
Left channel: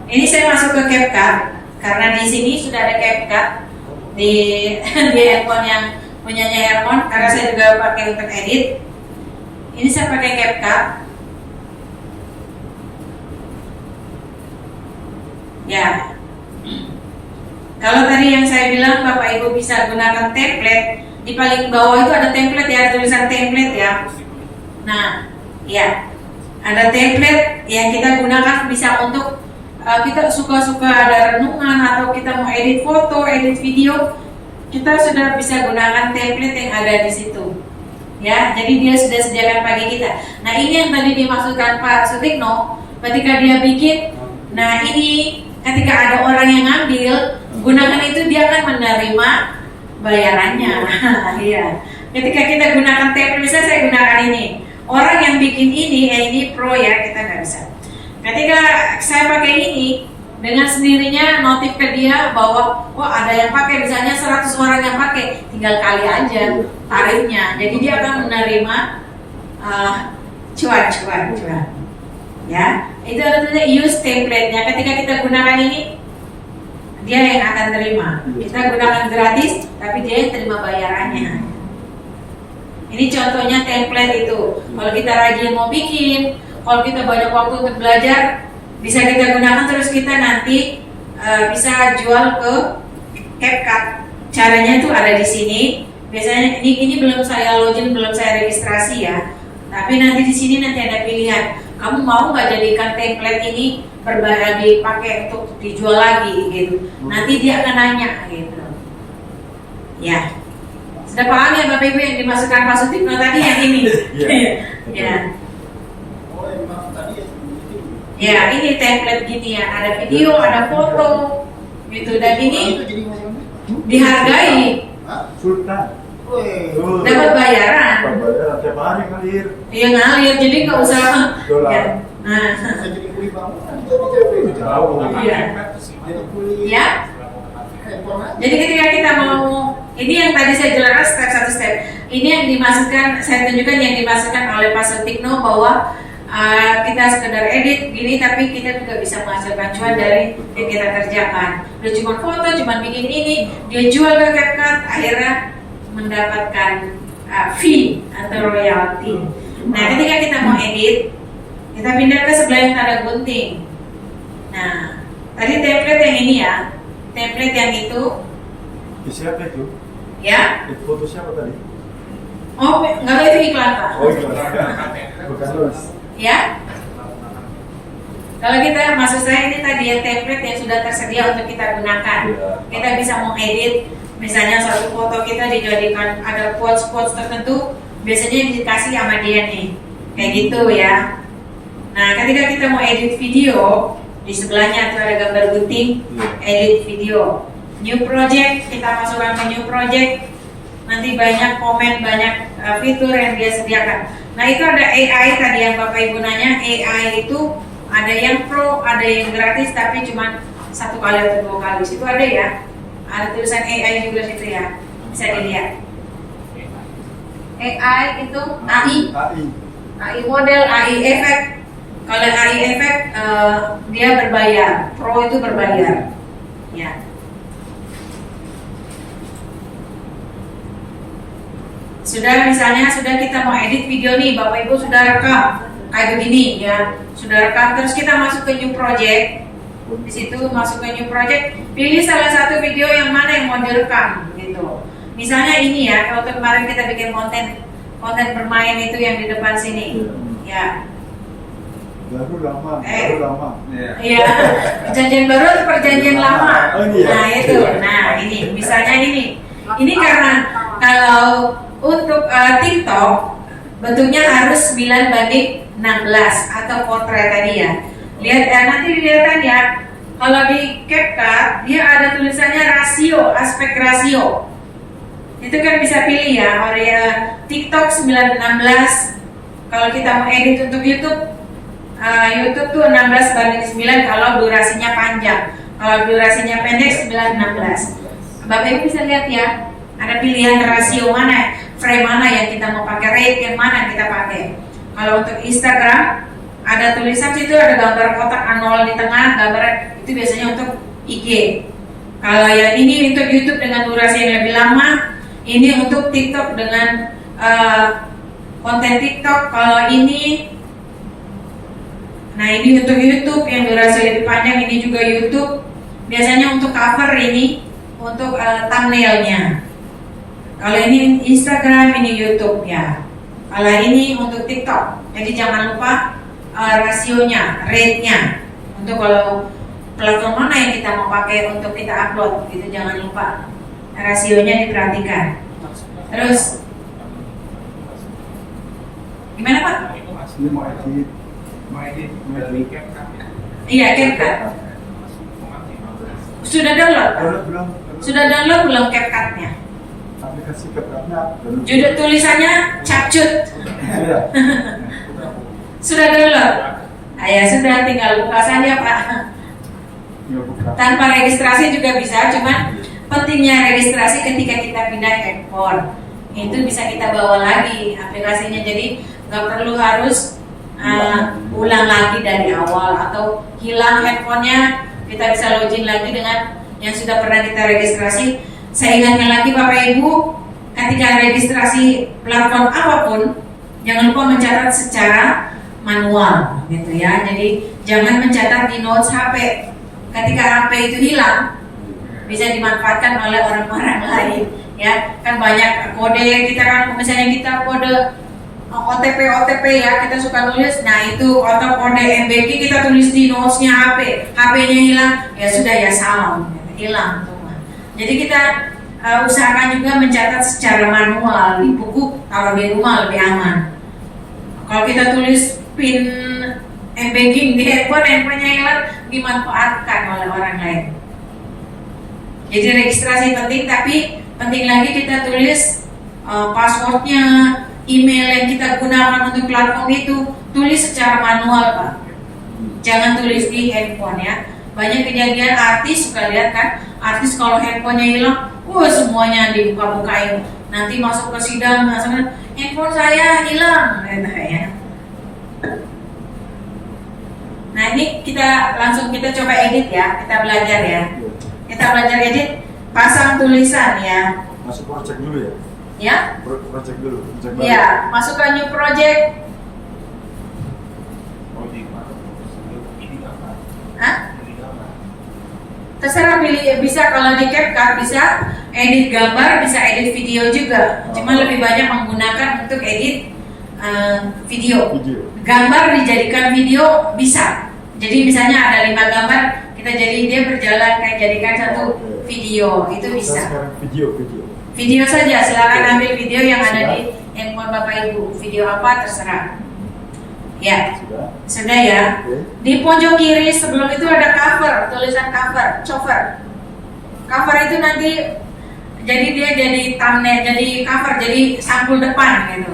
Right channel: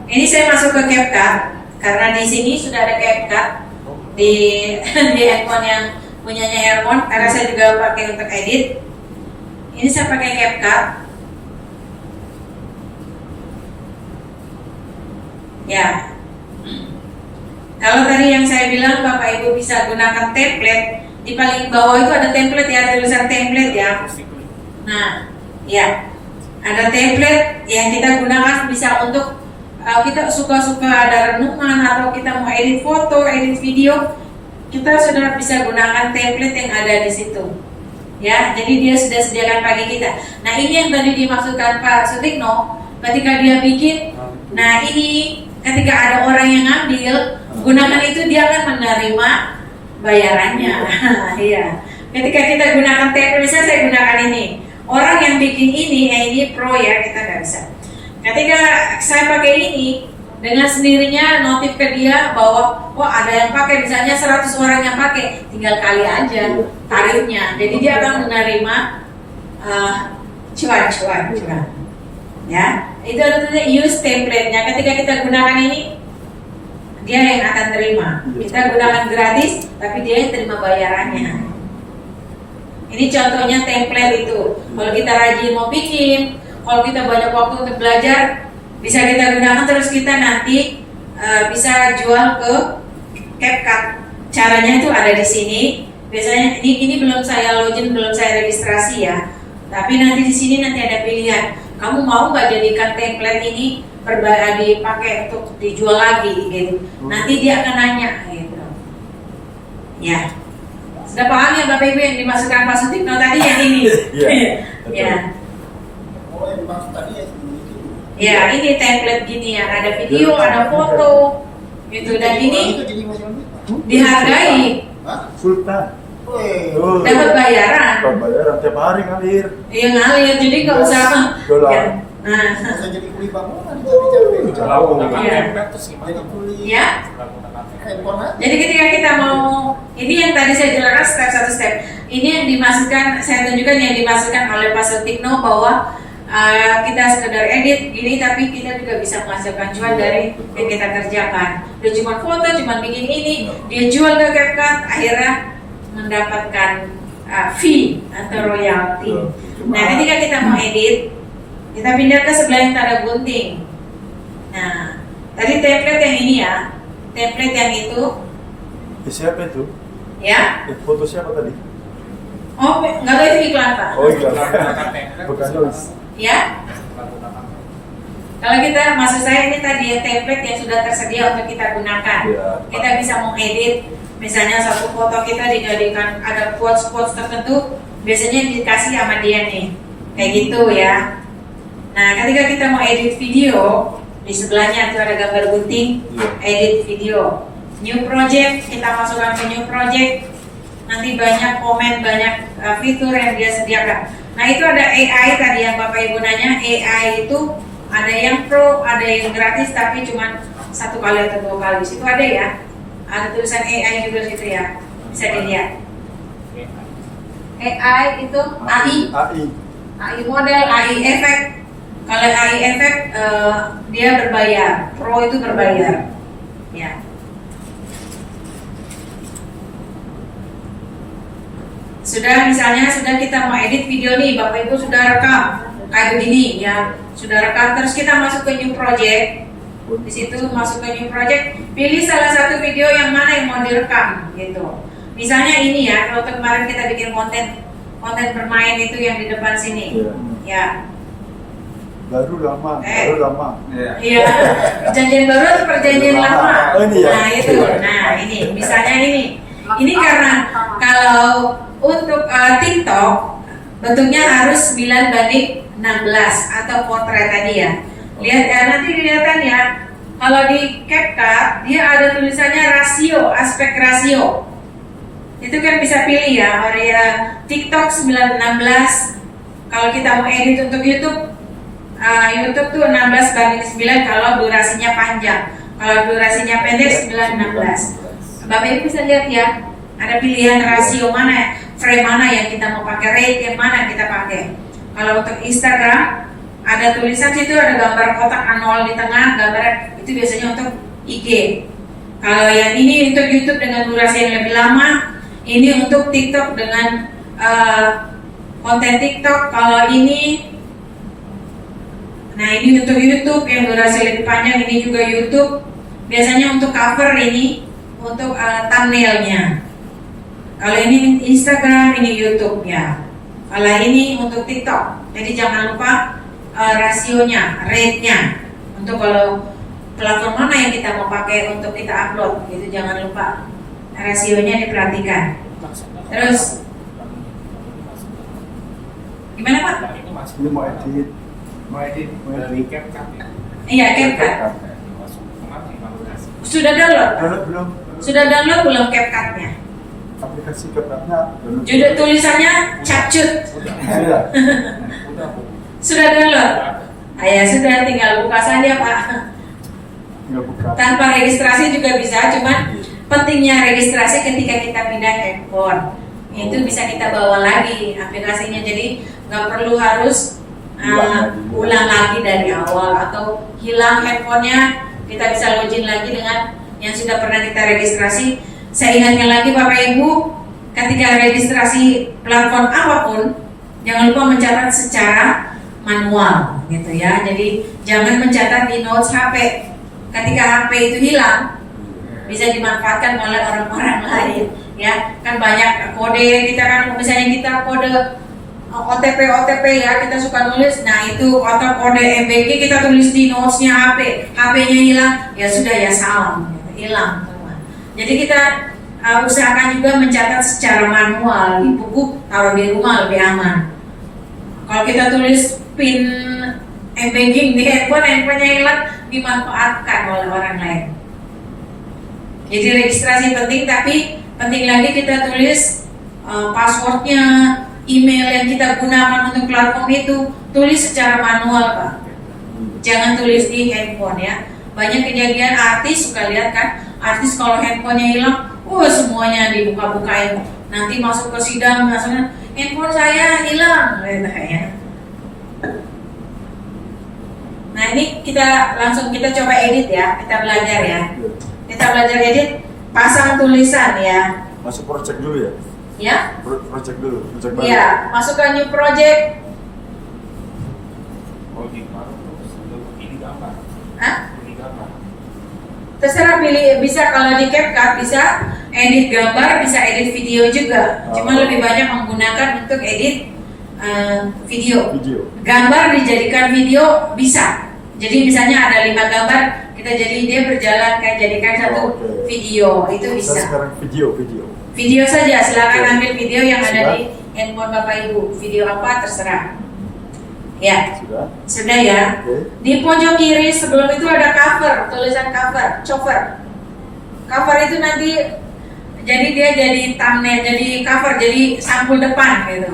Ini saya masuk ke CapCut karena di sini sudah ada CapCut di handphone yang punyanya Hermon. Karena saya juga pakai untuk edit. Ini saya pakai CapCut. Ya. Kalau tadi yang saya bilang Bapak Ibu bisa gunakan template, di paling bawah itu ada template ya, ada tulisan template ya. Nah, ya. Ada template yang kita gunakan bisa untuk kita suka-suka ada renungan atau kita mau edit foto, edit video, kita sudah bisa gunakan template yang ada di situ. Ya, jadi dia sudah sediakan bagi kita. Nah, ini yang tadi dimaksudkan Pak Sutikno ketika dia bikin. Nah, ini ketika ada orang yang ngambil, gunakan itu dia akan menerima bayarannya. Iya. Ketika kita gunakan template, misalnya saya gunakan ini. Orang yang bikin ini pro ya, kita nggak bisa. Ketika saya pakai ini, dengan sendirinya notif ke dia bahwa ada yang pakai, misalnya 100 orang yang pakai, tinggal kali aja tarifnya. Jadi dia akan menerima cuan. Ya, itu artinya use template-nya. Ketika kita gunakan ini, dia yang akan terima. Kita gunakan gratis, tapi dia yang terima bayarannya. Ini contohnya template itu. Kalau kita rajin mau bikin, kalau kita banyak waktu untuk belajar, bisa kita gunakan terus kita nanti bisa jual ke CapCut. Caranya itu ada di sini. Biasanya ini belum saya login, belum saya registrasi ya. Tapi nanti di sini nanti ada pilihan. Kamu mau nggak jadikan template ini dipakai untuk dijual lagi gitu. Nanti dia akan nanya gitu. Ya. Sudah paham ya Bapak Ibu yang dimasukkan Pak Sutikno tadi yang ini? Ya. Oh, yang dimaksud tadi ya ini. Ya, ini template gini ya, ada video, ada foto, gitu. Dan ini Itu jadi ngomong. dihargai, Sultan. Weh. dapat bayaran. Bayaran tiap hari ngalir. Iya ngalir, jadi nggak usah. Dolar. Ya. Nah, Bisa jadi kuli bangunan, jadi Jauh. Iya. jadi kuli ya. handphone aja. Jadi ketika kita mau, ini yang tadi saya jelaskan step satu step. Ini yang dimasukkan, saya tunjukkan yang dimasukkan oleh Pak Sutikno bahwa kita sekedar edit gini, tapi kita juga bisa menghasilkan cuan dari yang kita kerjakan. Dia cuma foto, cuma bikin ini, dia jual ke CapCut, akhirnya mendapatkan fee atau royalti. Nah, ketika kita mau edit, kita pindah ke sebelah yang tanda gunting. Nah, tadi template yang ini ya, template yang itu, Siapa itu? ya. Foto siapa tadi? Oh, nggak boleh itu iklan Pak. Oh iya, bukan Lois. Ya. Kalau kita, maksud saya ini tadi ya template yang sudah tersedia untuk kita gunakan. Ya. Kita bisa mengedit, misalnya satu foto kita dijadikan ada quotes-quotes tertentu, biasanya dikasih sama dia nih, kayak gitu ya. Nah, ketika kita mau edit video, di sebelahnya tuh ada gambar gunting, edit video, new project, kita masukkan ke new project, nanti banyak komen, banyak fitur yang dia sediakan. Nah, itu ada AI tadi yang Bapak Ibu nanya, AI itu ada yang pro, ada yang gratis, tapi cuma 1 kali atau 2 kali. Situ ada ya, ada tulisan AI juga situ ya, bisa dilihat. AI itu AI model, AI efek. Kalau AI efek dia berbayar, pro itu berbayar. Ya. Sudah misalnya kita mau edit video nih, Bapak Ibu sudah rekam kayak begini ya, sudah rekam, terus kita masuk ke new project. Di situ masuk ke new project, pilih salah satu video yang mana yang mau direkam gitu. Misalnya ini ya, kalau kemarin kita bikin konten bermain itu yang di depan sini, ya. Baru lama. Iya, perjanjian baru atau perjanjian lama? Nah itu, nah ini, misalnya ini karena kalau untuk TikTok bentuknya harus 9:16 atau potret tadi ya. Lihat ya, nanti dilihatkan ya. Kalau di CapCut dia ada tulisannya rasio, aspek rasio. Itu kan bisa pilih ya, TikTok 9:16. Kalau kita mau edit untuk YouTube tuh 16:9 kalau durasinya panjang. Kalau durasinya pendek 9:16. Bapak Ibu bisa lihat ya, ada pilihan rasio mana, frame mana yang kita mau pakai, rate yang mana yang kita pakai. Kalau untuk Instagram ada tulisan situ, ada gambar kotak A0 di tengah, gambar itu biasanya untuk IG. Kalau yang ini untuk YouTube dengan durasi yang lebih lama, ini untuk TikTok dengan konten TikTok. Kalau ini, nah ini untuk YouTube yang durasi lebih panjang, ini juga YouTube. Biasanya untuk cover ini, untuk thumbnailnya. Kalau ini Instagram, ini YouTube ya. Kalau ini untuk TikTok. Jadi jangan lupa rasionya, rate-nya. Untuk kalau platform mana yang kita mau pakai untuk kita upload, gitu jangan lupa rasionya diperhatikan. Terus gimana Pak? Ini mau edit. Iya, CapCut. Sudah download? Belum. Sudah download belum CapCut-nya? Aplikasi CapCut-nya belum. Judul tulisannya capcut. Iya. Sudah download? Ya sudah, tinggal buka saja Pak. Nggak buka. Tanpa registrasi juga bisa, cuman pentingnya registrasi ketika kita pindah handphone. Itu bisa kita bawa lagi aplikasinya, jadi nggak perlu harus ulang lagi dari awal atau hilang handphonenya. Kita bisa login lagi dengan yang sudah pernah kita registrasi. Saya ingatkan lagi Bapak Ibu, ketika registrasi platform apapun, jangan lupa mencatat secara manual, gitu ya. Jadi jangan mencatat di notes HP. Ketika HP itu hilang, bisa dimanfaatkan oleh orang-orang lain, ya. Kan banyak kode kita kan, misalnya kita kode OTP ya, kita suka nulis. Nah itu atau kode MBG kita tulis di notesnya HP-nya hilang, ya sudah ya salah, hilang semua. Jadi kita usahakan juga mencatat secara manual di buku, taruh di rumah lebih aman. Kalau kita tulis pin banking di handphonenya hilang, dimanfaatkan oleh orang lain. Jadi registrasi penting, tapi penting lagi kita tulis passwordnya, email yang kita gunakan untuk platform itu, tulis secara manual Pak. Jangan tulis di handphone ya. Banyak kejadian artis, suka lihat kan, artis kalau handphonenya hilang, semuanya dibuka-bukain. Nanti masuk ke sidang, misalnya handphone saya hilang, ya. Nah ini kita coba edit ya, kita belajar ya. Kita belajar edit, pasang tulisan ya. Masuk project dulu ya. Ya, Project dulu, project baru. iya, masukkan new project. Hah? Terserah pilih, bisa kalau di CapCut bisa edit gambar, bisa edit video juga. Cuma lebih banyak menggunakan untuk edit video. Video. Gambar dijadikan video bisa. Jadi misalnya ada 5 gambar, kita jadi dia berjalan kayak jadikan satu Oke. video, itu Saya bisa. sekarang video. Video saja, silakan Oke. ambil video yang ada Sudah. di handphone Bapak Ibu. Video apa terserah. Ya, Sudah. sudah ya. Oke. Di pojok kiri sebelum itu ada cover, tulisan cover. Cover itu nanti jadi dia jadi thumbnail, jadi cover, jadi sampul depan gitu.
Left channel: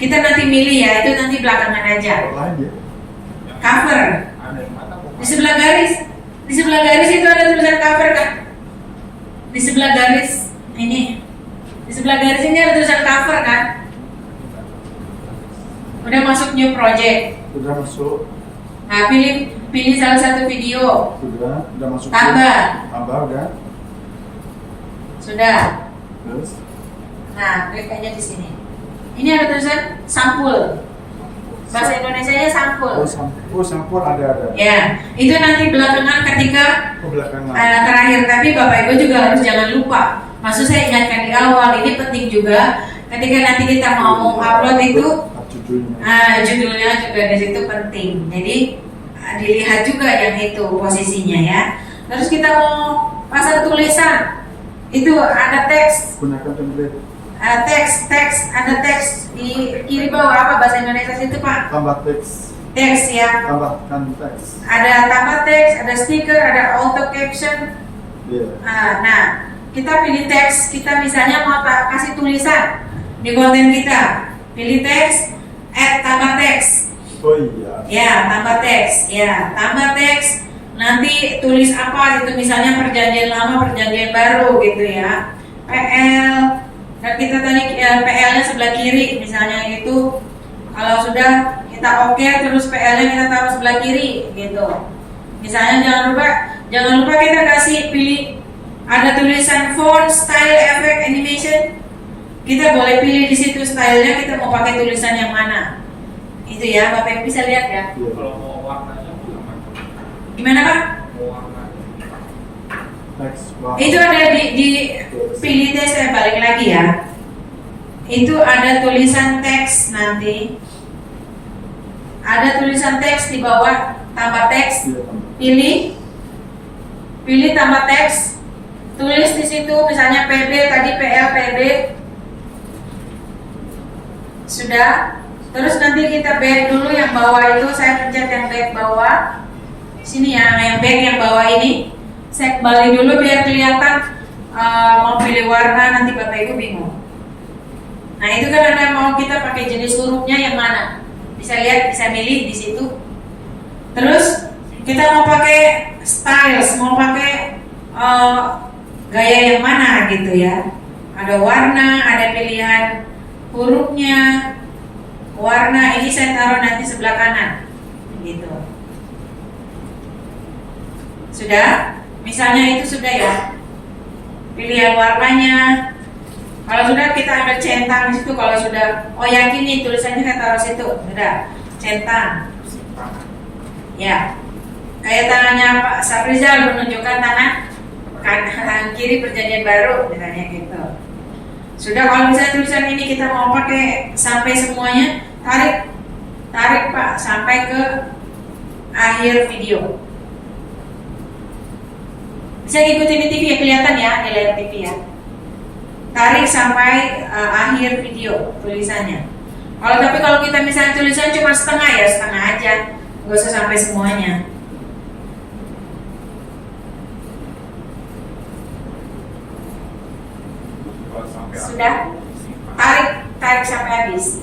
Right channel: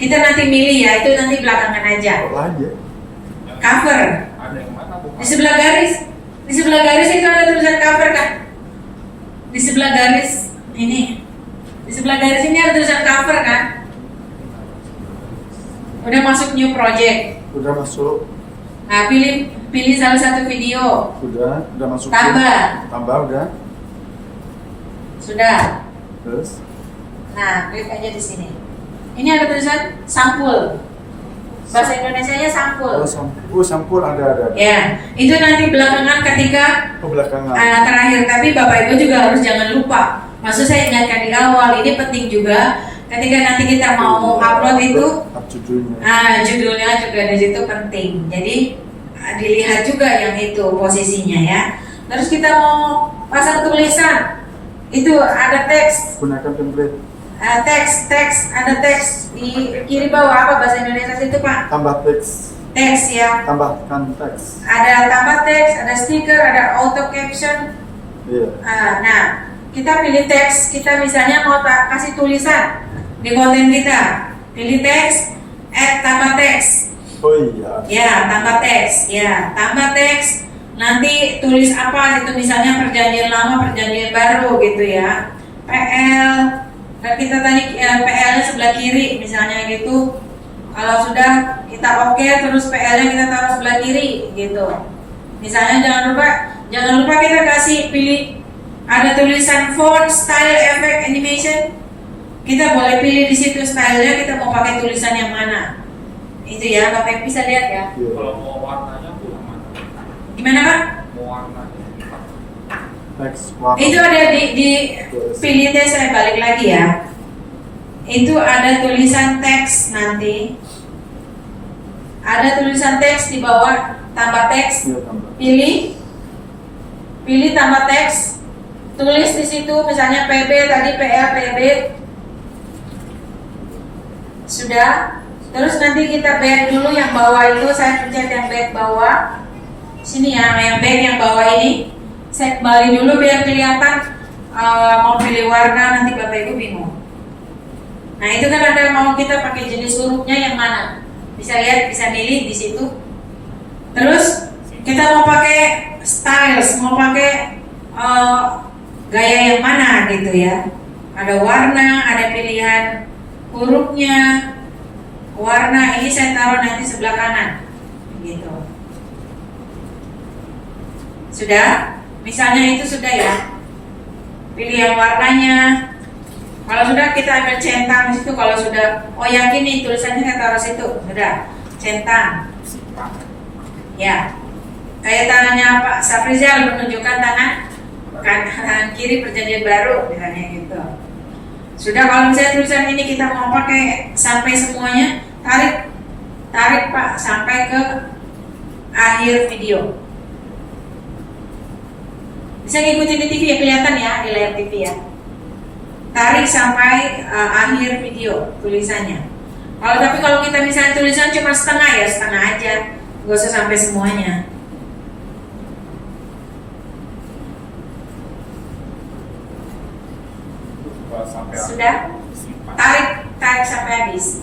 Kita nanti milih ya, itu nanti belakangan aja. Lain ya. Cover. Ada yang mana? Di sebelah garis itu ada tulisan cover kan? Di sebelah garis ini. Di sebelah garis ini ada tulisan cover kan? Udah masuk new project. Udah masuk. Nah, pilih salah satu video. Udah masuk. Tambah. Udah. Sudah. Terus. Nah, klik aja di sini. Ini ada tulisan sampul. Bahasa Indonesianya sampul. Sampul ada. Ya, itu nanti belakangan ketika Ke belakangan. terakhir. Tapi Bapak Ibu juga harus jangan lupa. Maksud saya ingatkan di awal, ini penting juga. Ketika nanti kita mau upload itu, Judulnya. judulnya juga di situ penting. Jadi dilihat juga yang itu posisinya ya. Terus kita mau pasang tulisan, itu ada teks. Gunakan template. Teks, ada teks di kiri bawah, apa bahasa Indonesia itu Pak? Tambah teks. Teks ya. Tambahkan teks. Ada tambah teks, ada stiker, ada auto caption. Iya. Nah, kita pilih teks, kita misalnya mau kasih tulisan di konten kita, pilih teks, tambah teks. Oh iya. Ya, tambah teks. Ya, tambah teks. Nanti tulis apa itu, misalnya perjanjian lama, perjanjian baru gitu ya. PL. Dan kita tadi PL-nya sebelah kiri misalnya gitu. Kalau sudah kita oke, terus PL-nya kita taruh sebelah kiri gitu. Misalnya jangan lupa kita kasih pilih ada tulisan font, style, effect, animation. Kita boleh pilih di situ stylenya, kita mau pakai tulisan yang mana. Itu ya, Bapak bisa lihat ya. Iya. Kalau mau warnanya tuh Gimana Pak? mau warna. Teks. Warna. Itu ada di pilih deh, saya balik lagi ya. Itu ada tulisan teks nanti. Ada tulisan teks di bawah, tambah teks. Iya, tambah. Pilih tambah teks. Tulis di situ misalnya PB tadi PB. Sudah. Terus nanti kita back dulu yang bawah itu, saya pencet yang back bawah. Sini ya, yang back yang bawah ini. Saya balik dulu biar kelihatan mau pilih warna, nanti Bapak Ibu bingung. Nah, itu kan ada mau kita pakai jenis hurufnya yang mana. Bisa lihat, bisa milih di situ. Terus kita mau pakai styles, mau pakai gaya yang mana gitu ya. Ada warna, ada pilihan hurufnya. Warna ini saya taruh nanti sebelah kanan. Gitu. Sudah? Misalnya itu sudah ya. Pilihan warnanya. Kalau sudah kita ambil centang di situ. Kalau sudah, oh yakin nih tulisannya saya taruh situ. Sudah, centang. Ya. Kayak tangannya Pak Safrizal menunjukkan tangan kanan kiri perjanjian baru misalnya gitu. Sudah, kalau misalnya tulisan ini kita mau pakai sampai semuanya, tarik Pak sampai ke akhir video. Bisa ngikutin di TV ya, kelihatan ya di layar TV ya. Tarik sampai akhir video tulisannya. Kalau kita misalnya tulisan cuma setengah ya, setengah aja, nggak usah sampai semuanya. Sudah? Tarik sampai habis.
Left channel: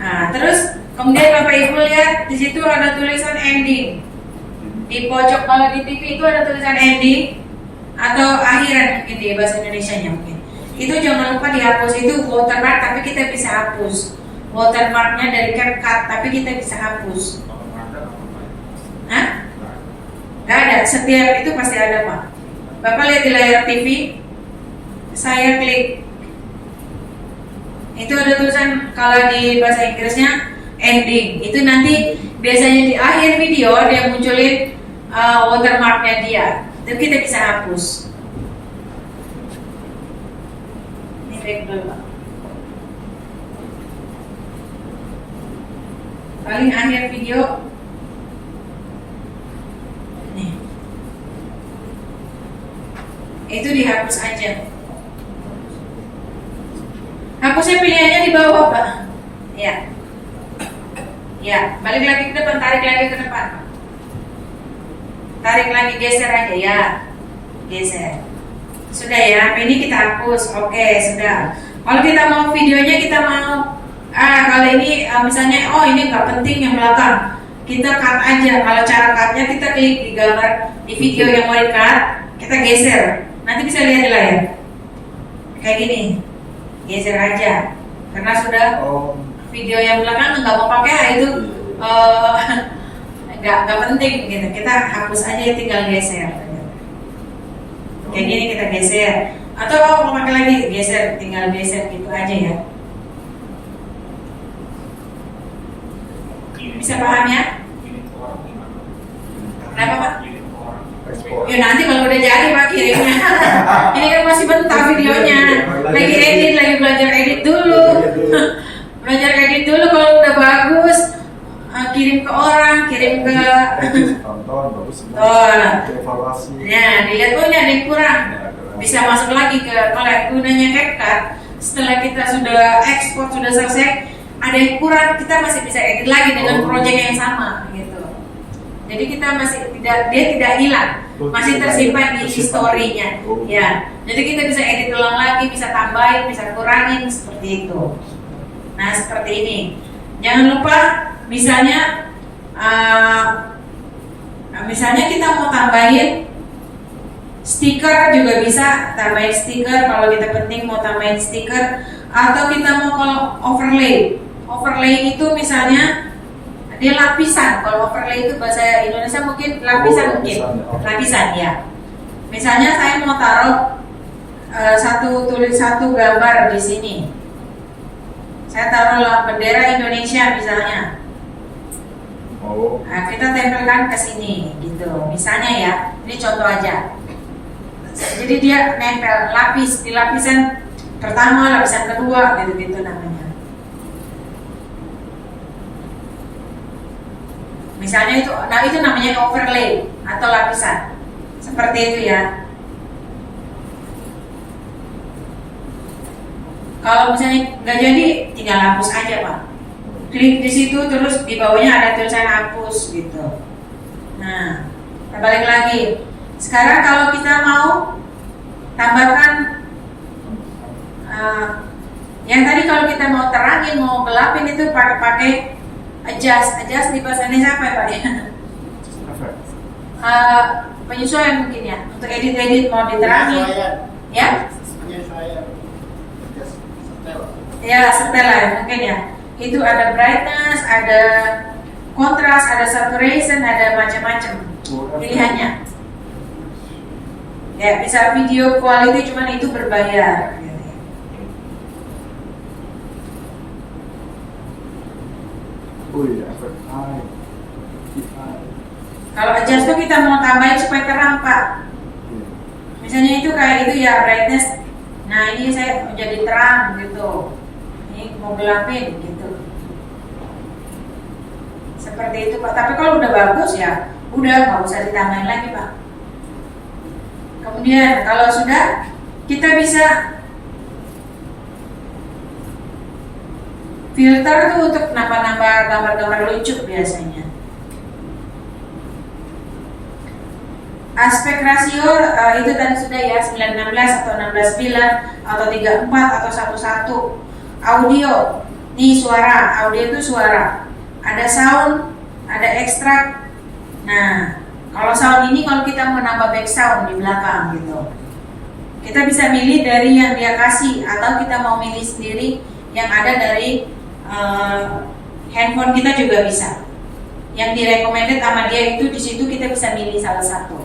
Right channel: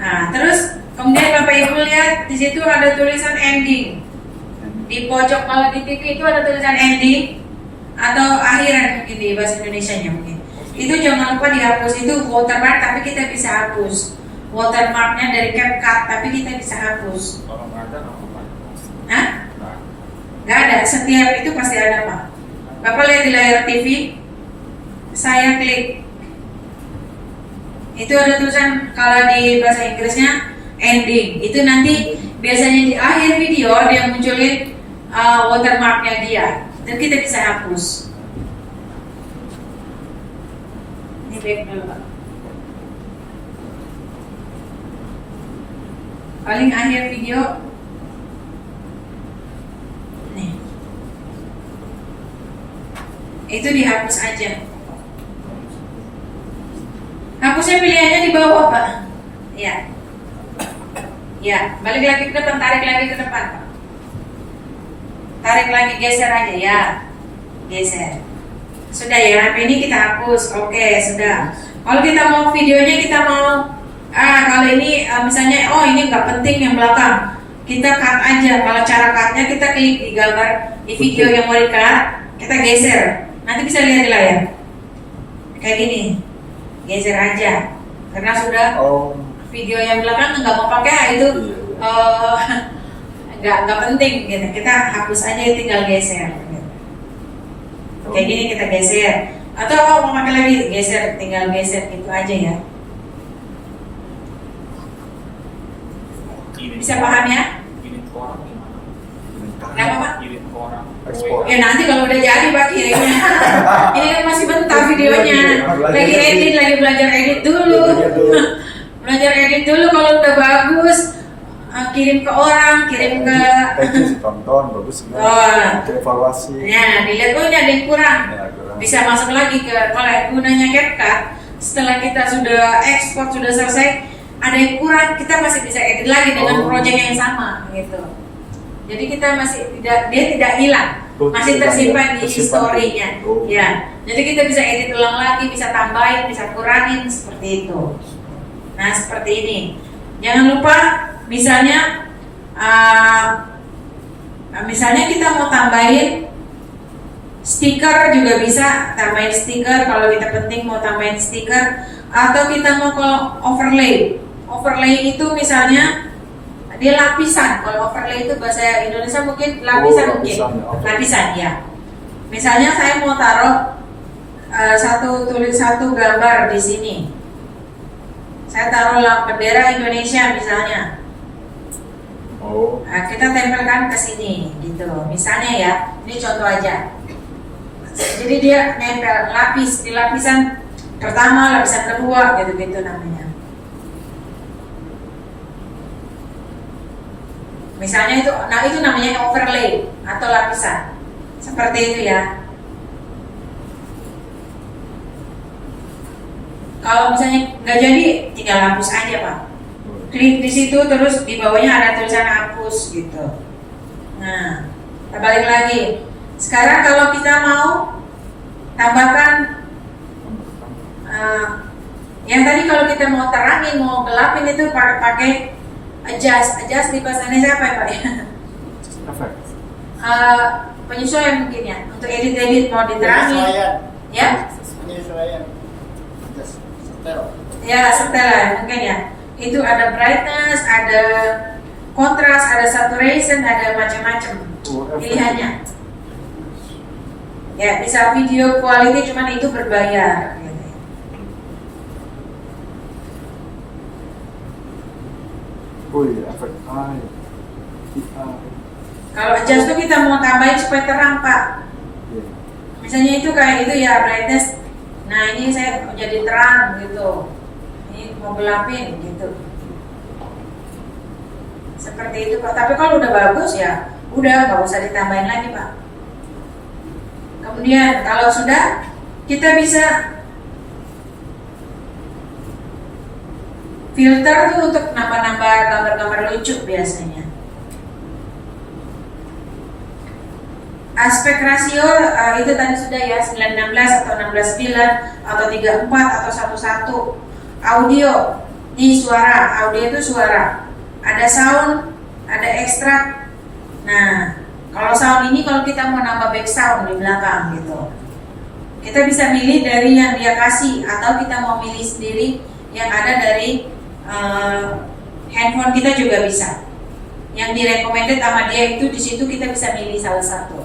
Nah, terus kemudian Bapak Ibu lihat di situ ada tulisan ending. Di pojok kalau di TV itu ada tulisan ending atau akhiran mungkin di bahasa Indonesianya mungkin. Itu jangan lupa dihapus, itu watermark tapi kita bisa hapus. Watermarknya dari CapCut tapi kita bisa hapus. Hah? Gak ada, setiap itu pasti ada Pak. Bapak lihat di layar TV, saya klik Itu ada tulisan kalau di bahasa Inggrisnya ending. Itu nanti biasanya di akhir video dia munculin watermarknya dia. Itu kita bisa hapus. Ini back dulu. Paling akhir video. Nih. Itu dihapus aja. Hapusnya pilihannya di bawah, Pak. Ya. Ya, balik lagi ke depan, tarik lagi ke depan, Pak. Tarik lagi, geser aja ya. Geser. Sudah ya, ini kita hapus. Oke, sudah. Kalau kita mau videonya, kita mau kalau ini misalnya, oh ini nggak penting yang belakang, kita cut aja. Kalau cara cutnya kita klik di gambar di video yang mau di cut, kita geser. Nanti bisa lihat di layar. Kayak gini. Geser aja, karena sudah video yang belakang nggak mau pakai itu nggak penting gitu. Kita hapus aja, tinggal geser. Kayak gini kita geser, atau mau pakai lagi geser, tinggal geser gitu aja ya. Bisa paham ya? Kenapa Pak? Ya nanti kalau udah jadi Pak kirimnya. Ini kan masih bentar videonya. Lagi edit, lagi belajar edit dulu. Belajar edit dulu, kalau udah bagus kirim ke orang, kirim ke tonton bagus evaluasi. Ya, dilihat oh ini ada yang kurang. Bisa masuk lagi ke kalau gunanya CapCut. Setelah kita sudah ekspor, sudah selesai, ada yang kurang, kita masih bisa edit lagi dengan project yang sama gitu. Jadi kita masih dia tidak hilang, masih tersimpan di historinya. Ya, jadi kita bisa edit ulang lagi, bisa tambahin, bisa kurangin seperti itu. Nah seperti ini. Jangan lupa, misalnya kita mau tambahin stiker juga bisa, tambahin stiker kalau kita penting mau tambahin stiker, atau kita mau overlay. Overlay itu misalnya dia lapisan. Kalau overlay itu bahasa Indonesia mungkin lapisan, lapisan ya. Misalnya saya mau taruh satu gambar di sini. Saya taruh bendera Indonesia misalnya. Nah, kita tempelkan ke sini gitu. Misalnya ya, ini contoh aja. Jadi dia nempel lapis di lapisan pertama, lapisan kedua gitu-gitu namanya. Misalnya itu, nah itu namanya overlay atau lapisan. Seperti itu ya. Kalau misalnya nggak jadi, tinggal hapus aja Pak. Klik di situ, terus di bawahnya ada tulisan hapus gitu. Nah, kita balik lagi. Sekarang kalau kita mau tambahkan yang tadi kalau kita mau terangin, mau gelapin itu pakai adjust di bahasa Indonesia apa ya Pak ya? Penyesuaian mungkin ya, untuk edit mau diterangin ya? Penyesuaian. Ya setel lah mungkin ya. Itu ada brightness, ada kontras, ada saturation, ada macam-macam pilihannya. Ya bisa video quality, cuman itu berbayar. Efek eye. Kalau adjust tuh kita mau tambahin supaya terang Pak. Misalnya itu kayak itu ya brightness. Nah ini saya mau jadi terang gitu. Ini mau gelapin gitu. Seperti itu Pak. Tapi kalau udah bagus ya udah nggak usah ditambahin lagi Pak. Kemudian kalau sudah, kita bisa filter tuh untuk nambah-nambah gambar-gambar lucu biasanya. Aspek rasio itu tadi sudah ya 9:16 atau 16:9 atau 3:4 atau 1:1. Audio di suara, audio itu suara. Ada sound, ada ekstrak. Nah, kalau sound ini kalau kita mau nambah back sound di belakang gitu, kita bisa milih dari yang dia kasih atau kita mau milih sendiri yang ada dari handphone kita juga bisa. Yang direkomended sama dia itu di situ kita bisa milih salah satu.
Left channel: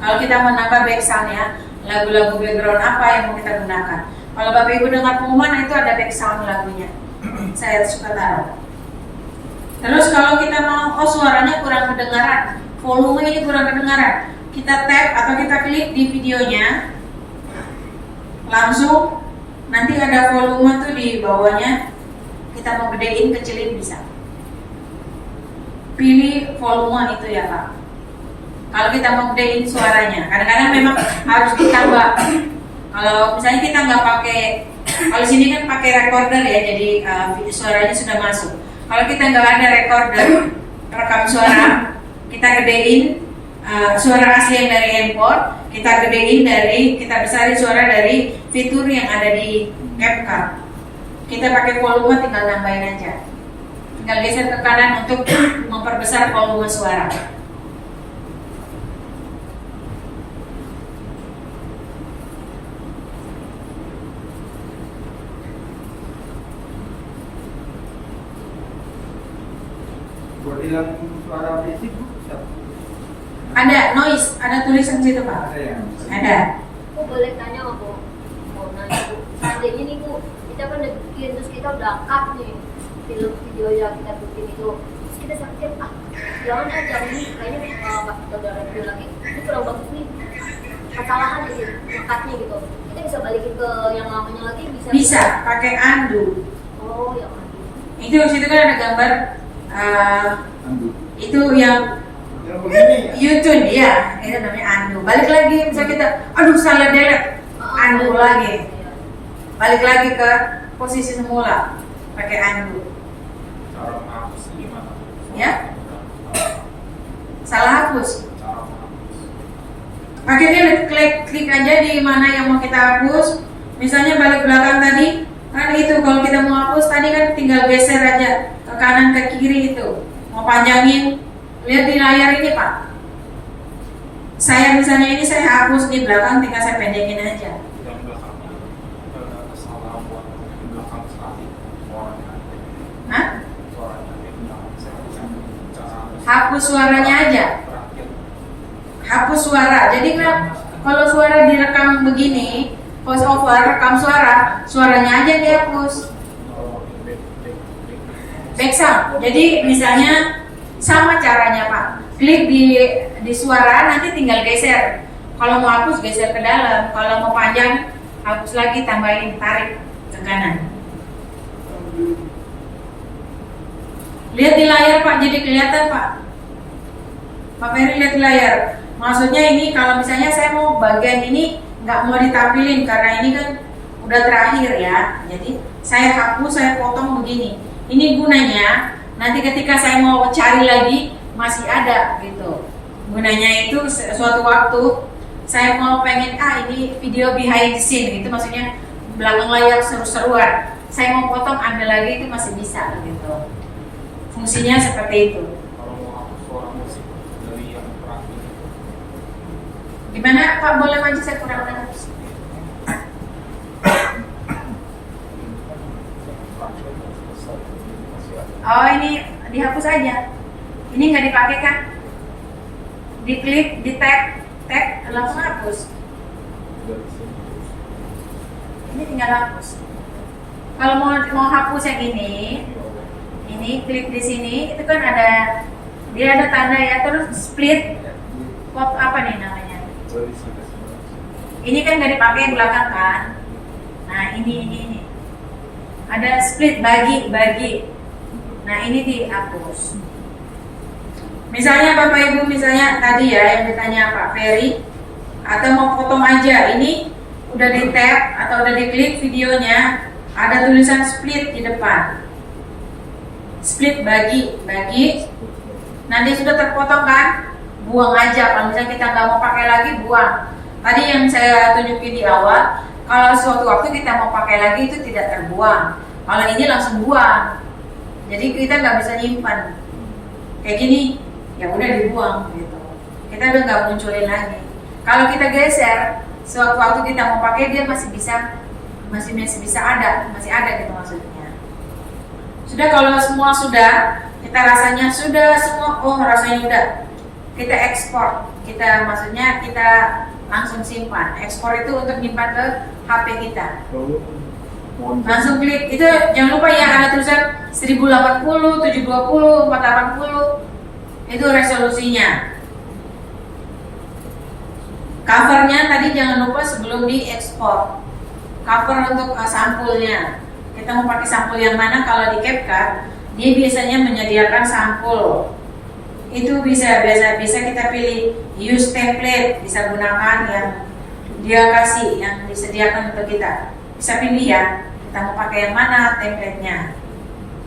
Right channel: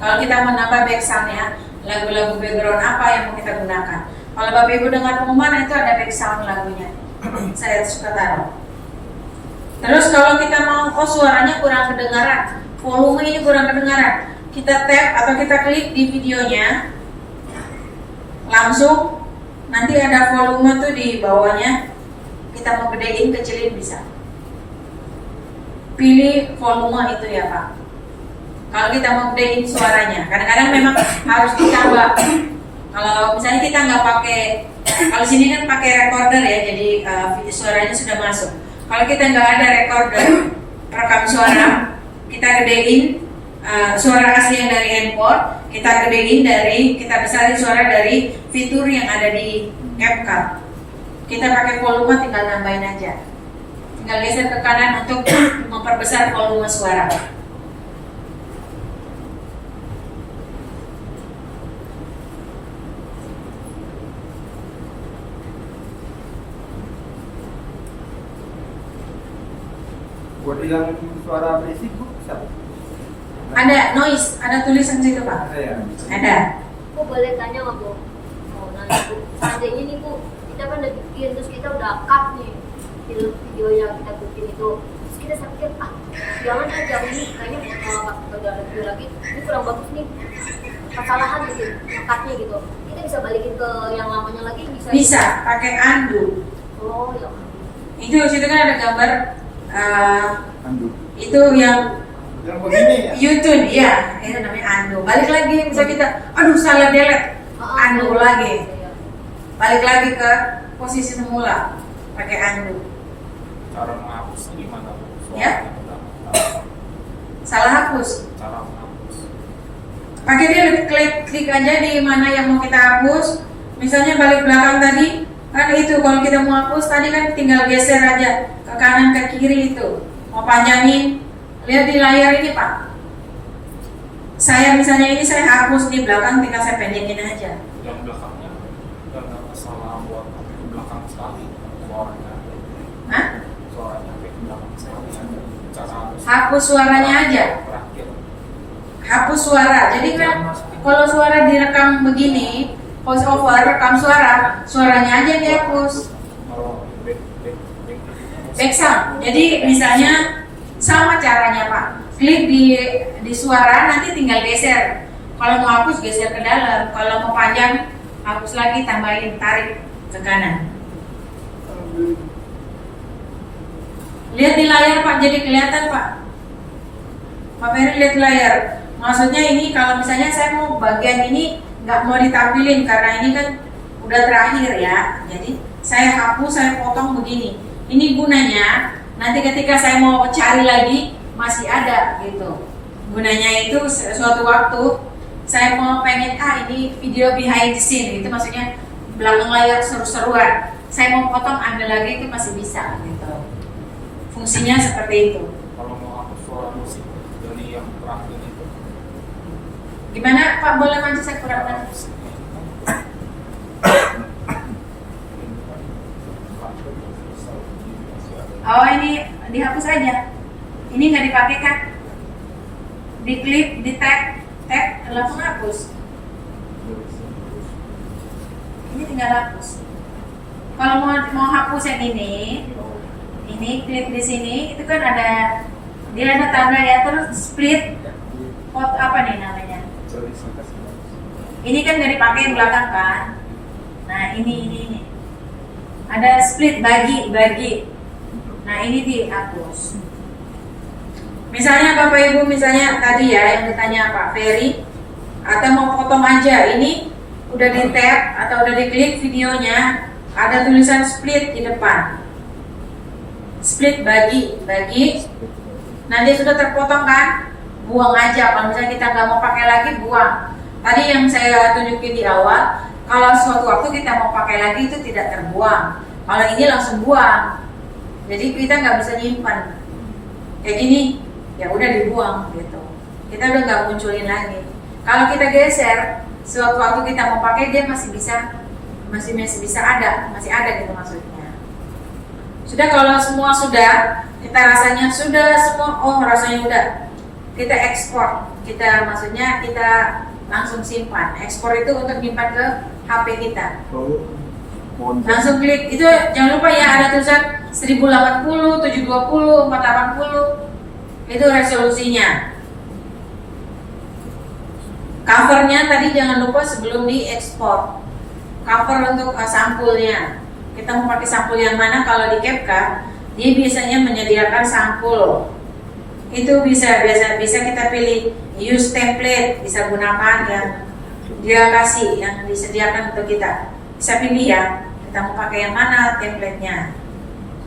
Kalau kita mau nambah back sound ya, lagu-lagu background apa yang mau kita gunakan. Kalau Bapak Ibu dengar pengumuman itu ada background lagunya. Saya suka taruh. Terus kalau kita mau, oh suaranya kurang kedengaran, volumenya kurang kedengaran, kita tap atau kita klik di videonya, langsung nanti ada volume tuh di bawahnya. Kita mau gedein, kecilin bisa. Pilih volume itu ya Pak. Kalau kita mau gedein suaranya, kadang-kadang memang harus ditambah. Kalau misalnya kita nggak pakai, kalau sini kan pakai recorder ya, jadi suaranya sudah masuk. Kalau kita nggak ada recorder, perekam suara, kita gedein suara asli yang dari handphone, kita gedein kita besarin suara dari fitur yang ada di CapCut. Kita pakai volume, tinggal nambahin aja. Tinggal geser ke kanan untuk memperbesar volume suara. Buat hilang suara berisik Bu, bisa? Ada noise, ada tulisan situ Pak. Ada ya? Ada. Aku boleh tanya nggak Bu? Mau nanya Bu, seandainya nih Bu, kita kan udah bikin, terus kita udah cut nih video yang kita bikin itu, terus kita pikir jangan aja ini kayaknya pas kita udah review lagi ini kurang bagus nih, kesalahan gitu, ngekatnya gitu, kita bisa balikin ke yang lamanya lagi Bisa pakai undo. Oh yang ada. Itu situ kan ada gambar itu yang Yang begini ya. YouTube ya, itu namanya undo. Balik lagi misalnya kita, aduh salah delete, undo lagi. Balik lagi ke posisi semula, pakai undo. Cara menghapus gimana? Ya? Salah hapus. Cara menghapus. Pakai dia klik aja di mana yang mau kita hapus. Misalnya balik belakang tadi, kan itu kalau kita mau hapus tadi kan tinggal geser aja ke kanan ke kiri itu. Mau panjangin, lihat di layar ini Pak. Saya misalnya ini saya hapus di belakang, tinggal saya pendekin aja. Yang belakangnya ada salah buat belakang sekali suaranya. Hah? Suaranya kayak belakang saya bisa cara Hapus suaranya aja. terakhir. Hapus suara. Jadi kan kalau suara direkam begini, voice over rekam suara, suaranya aja dihapus. Oh, Back sound. Jadi misalnya sama caranya Pak. Klik di suara, nanti tinggal geser. Kalau mau hapus geser ke dalam. Kalau mau panjang hapus lagi, tambahin, tarik ke kanan. Lihat di layar Pak, jadi kelihatan Pak. Pak Ferry lihat di layar. Maksudnya ini kalau misalnya saya mau bagian ini nggak mau ditampilin karena ini kan udah terakhir ya. Jadi saya hapus, saya potong begini. Ini gunanya nanti ketika saya mau cari lagi masih ada gitu. Gunanya itu suatu waktu saya mau pengen ini video behind the scene gitu, maksudnya belakang layar seru-seruan. Saya mau potong ambil lagi itu masih bisa gitu. Fungsinya seperti itu. kalau mau hapus suara musik dari yang terakhir itu. Gimana Pak, boleh maju, saya kurang dengar. Oh ini dihapus aja. Ini nggak dipakai kan? Diklik, di tag, langsung hapus. Ini tinggal hapus. Kalau mau hapus yang ini klik di sini, itu kan dia ada tanda ya, terus split. Pot apa nih namanya? Ini kan nggak dipakai yang belakang kan? Nah ini ada split, bagi. Nah ini dihapus. Misalnya Bapak Ibu, misalnya tadi ya yang ditanya Pak Ferry, atau mau potong aja, ini udah di tap atau udah diklik videonya, ada tulisan split di depan. Split bagi. Nanti sudah terpotong kan? Buang aja. Kalau misalnya kita nggak mau pakai lagi, buang. Tadi yang saya tunjukin di awal, kalau suatu waktu kita mau pakai lagi itu tidak terbuang. Kalau ini langsung buang. Jadi kita nggak bisa nyimpan. Kayak gini, ya udah dibuang gitu. Kita udah nggak munculin lagi. Kalau kita geser, suatu waktu kita mau pakai dia masih bisa ada gitu maksudnya. Sudah, kalau semua sudah, kita rasanya sudah semua, rasanya udah. Kita ekspor, maksudnya kita langsung simpan. Ekspor itu untuk nyimpan ke HP kita. Oh, mohon. Langsung klik. Itu jangan lupa ya, ada tulisan 1080, 720, 480. Itu resolusinya. Covernya tadi jangan lupa sebelum diekspor. Cover untuk sampulnya. Kita mau pakai sampul yang mana? Kalau di CapCut, dia biasanya menyediakan sampul. Itu bisa kita pilih use template, bisa gunakan yang dia kasih, yang disediakan untuk kita. Bisa pilih ya, kita mau pakai yang mana template-nya.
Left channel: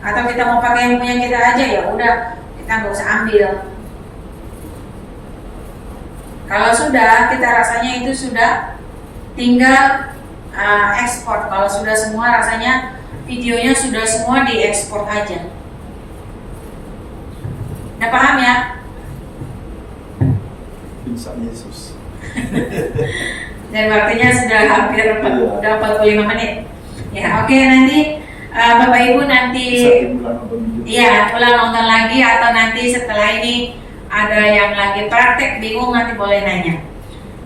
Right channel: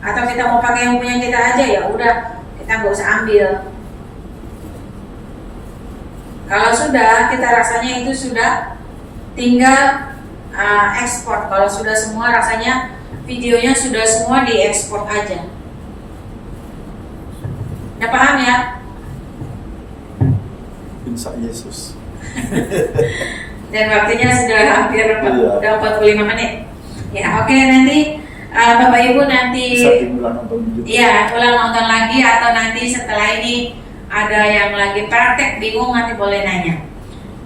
Atau kita mau pakai yang punya kita aja, ya udah, kita nggak usah ambil. Kalau sudah, kita rasanya itu sudah tinggal ekspor. Kalau sudah semua, rasanya videonya sudah semua diekspor aja. Udah paham ya? Insya Yesus. Dan waktunya sudah hampir Iya. udah 45 menit. Ya, oke, nanti Bapak Ibu nanti Bisa dimulai nonton video. iya, boleh nonton lagi, atau nanti setelah ini ada yang lagi praktek bingung, nanti boleh nanya.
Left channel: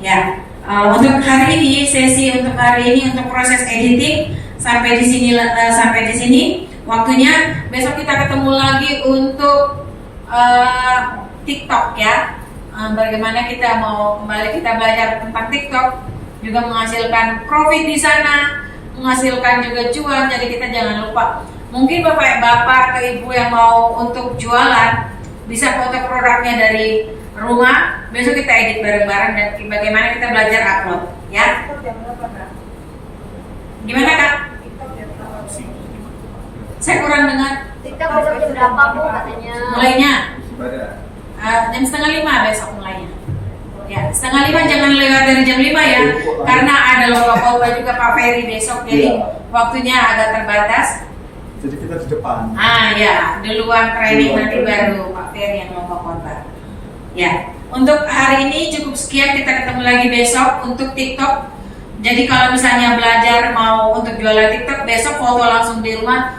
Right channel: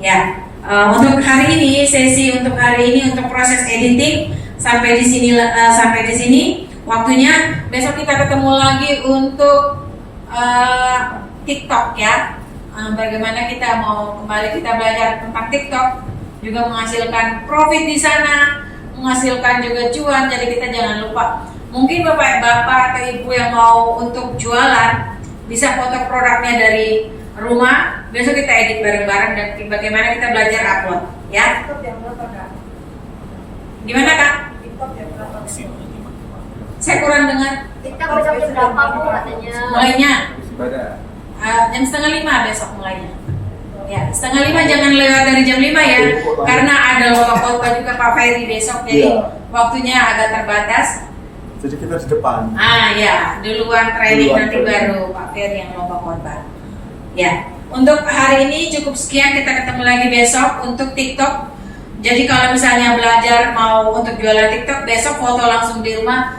Ya, untuk hari ini, sesi untuk hari ini untuk proses editing sampai di sini waktunya. Besok kita ketemu lagi untuk TikTok ya. Bagaimana kita mau kembali kita belajar tentang TikTok, juga menghasilkan profit di sana, menghasilkan juga cuan. Jadi kita jangan lupa. Mungkin bapak atau ibu yang mau untuk jualan bisa foto produknya dari rumah. Besok kita edit bareng-bareng dan bagaimana kita belajar upload ya. TikTok jam berapa, Kak? Gimana Kak? TikTok jam berapa? Saya kurang dengar. TikTok besok jam berapa Bu katanya? Mulainya Ibadah. jam 4:30 besok mulainya. Ya, 4:30 jangan lewat dari jam 5 ya, karena ada logo khotbah juga Pak Ferry besok, jadi Iya. waktunya agak terbatas. Jadi kita di depan. Ya, duluan training Duluan nanti training. baru Pak Ferry yang logo khotbah. Ya, untuk hari ini cukup sekian, kita ketemu lagi besok untuk TikTok. Jadi kalau misalnya belajar mau untuk jualan TikTok, besok foto langsung di rumah.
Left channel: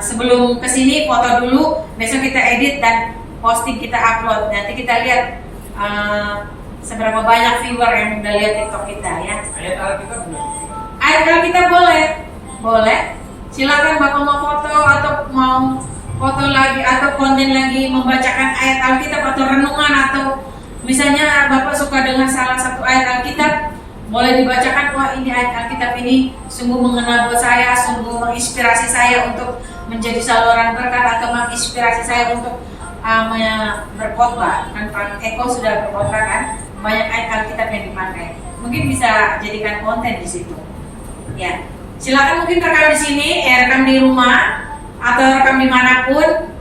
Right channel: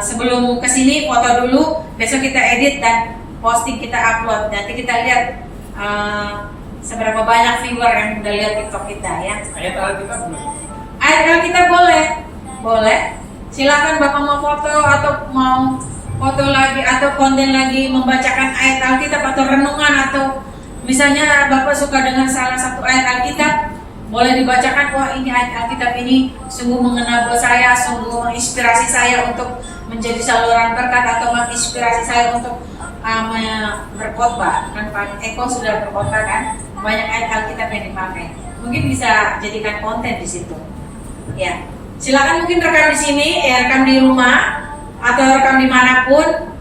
Sebelum kesini foto dulu, besok kita edit dan posting, kita upload. Nanti kita lihat seberapa banyak viewer yang udah lihat TikTok kita ya. Ayat Alkitab belum? Ayat kita boleh. Silakan Bapak mau foto atau mau foto lagi atau konten lagi membacakan ayat Alkitab atau renungan, atau misalnya Bapak suka dengan salah satu ayat Alkitab, boleh dibacakan. Wah, ini ayat Alkitab ini sungguh mengena buat saya, sungguh menginspirasi saya untuk menjadi saluran berkat, atau menginspirasi saya untuk berkhotbah. Dan Pak Eko sudah berkhotbah kan, banyak ayat Alkitab yang dipakai. Mungkin bisa jadikan konten di situ. Ya, silakan mungkin rekam di sini, rekam di rumah atau rekam dimanapun.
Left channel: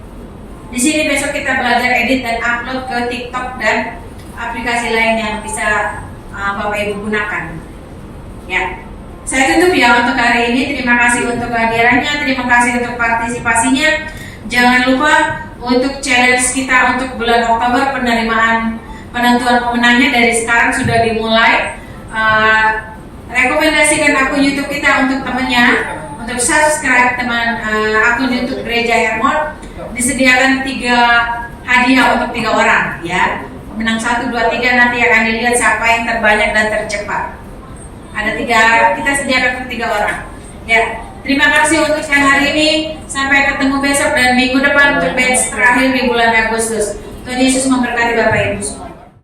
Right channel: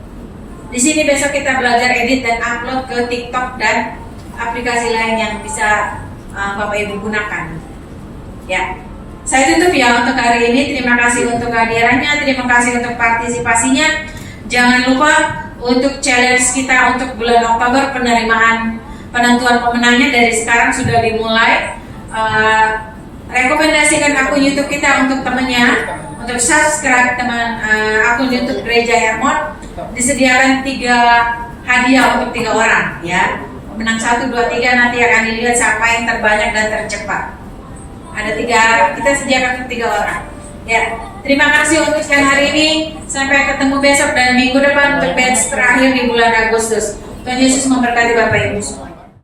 Di sini besok kita belajar edit dan upload ke TikTok dan aplikasi lain yang bisa Bapak Ibu gunakan. Ya, saya tutup ya untuk hari ini. Terima kasih untuk kehadirannya, terima kasih untuk partisipasinya. Jangan lupa untuk challenge kita untuk bulan Oktober, penerimaan penentuan pemenangnya dari sekarang sudah dimulai. Rekomendasikan akun YouTube kita untuk temannya, untuk subscribe akun YouTube Gereja Hermon. Disediakan 3 hadiah untuk 3 orang ya. Menang 1, 2, 3, nanti akan dilihat siapa yang terbanyak dan tercepat. Ada 3, kita sediakan untuk 3 orang. Ya, terima kasih untuk siang hari ini. Sampai ketemu besok dan minggu depan untuk batch terakhir di bulan Agustus. Tuhan Yesus memberkati Bapak Ibu semua.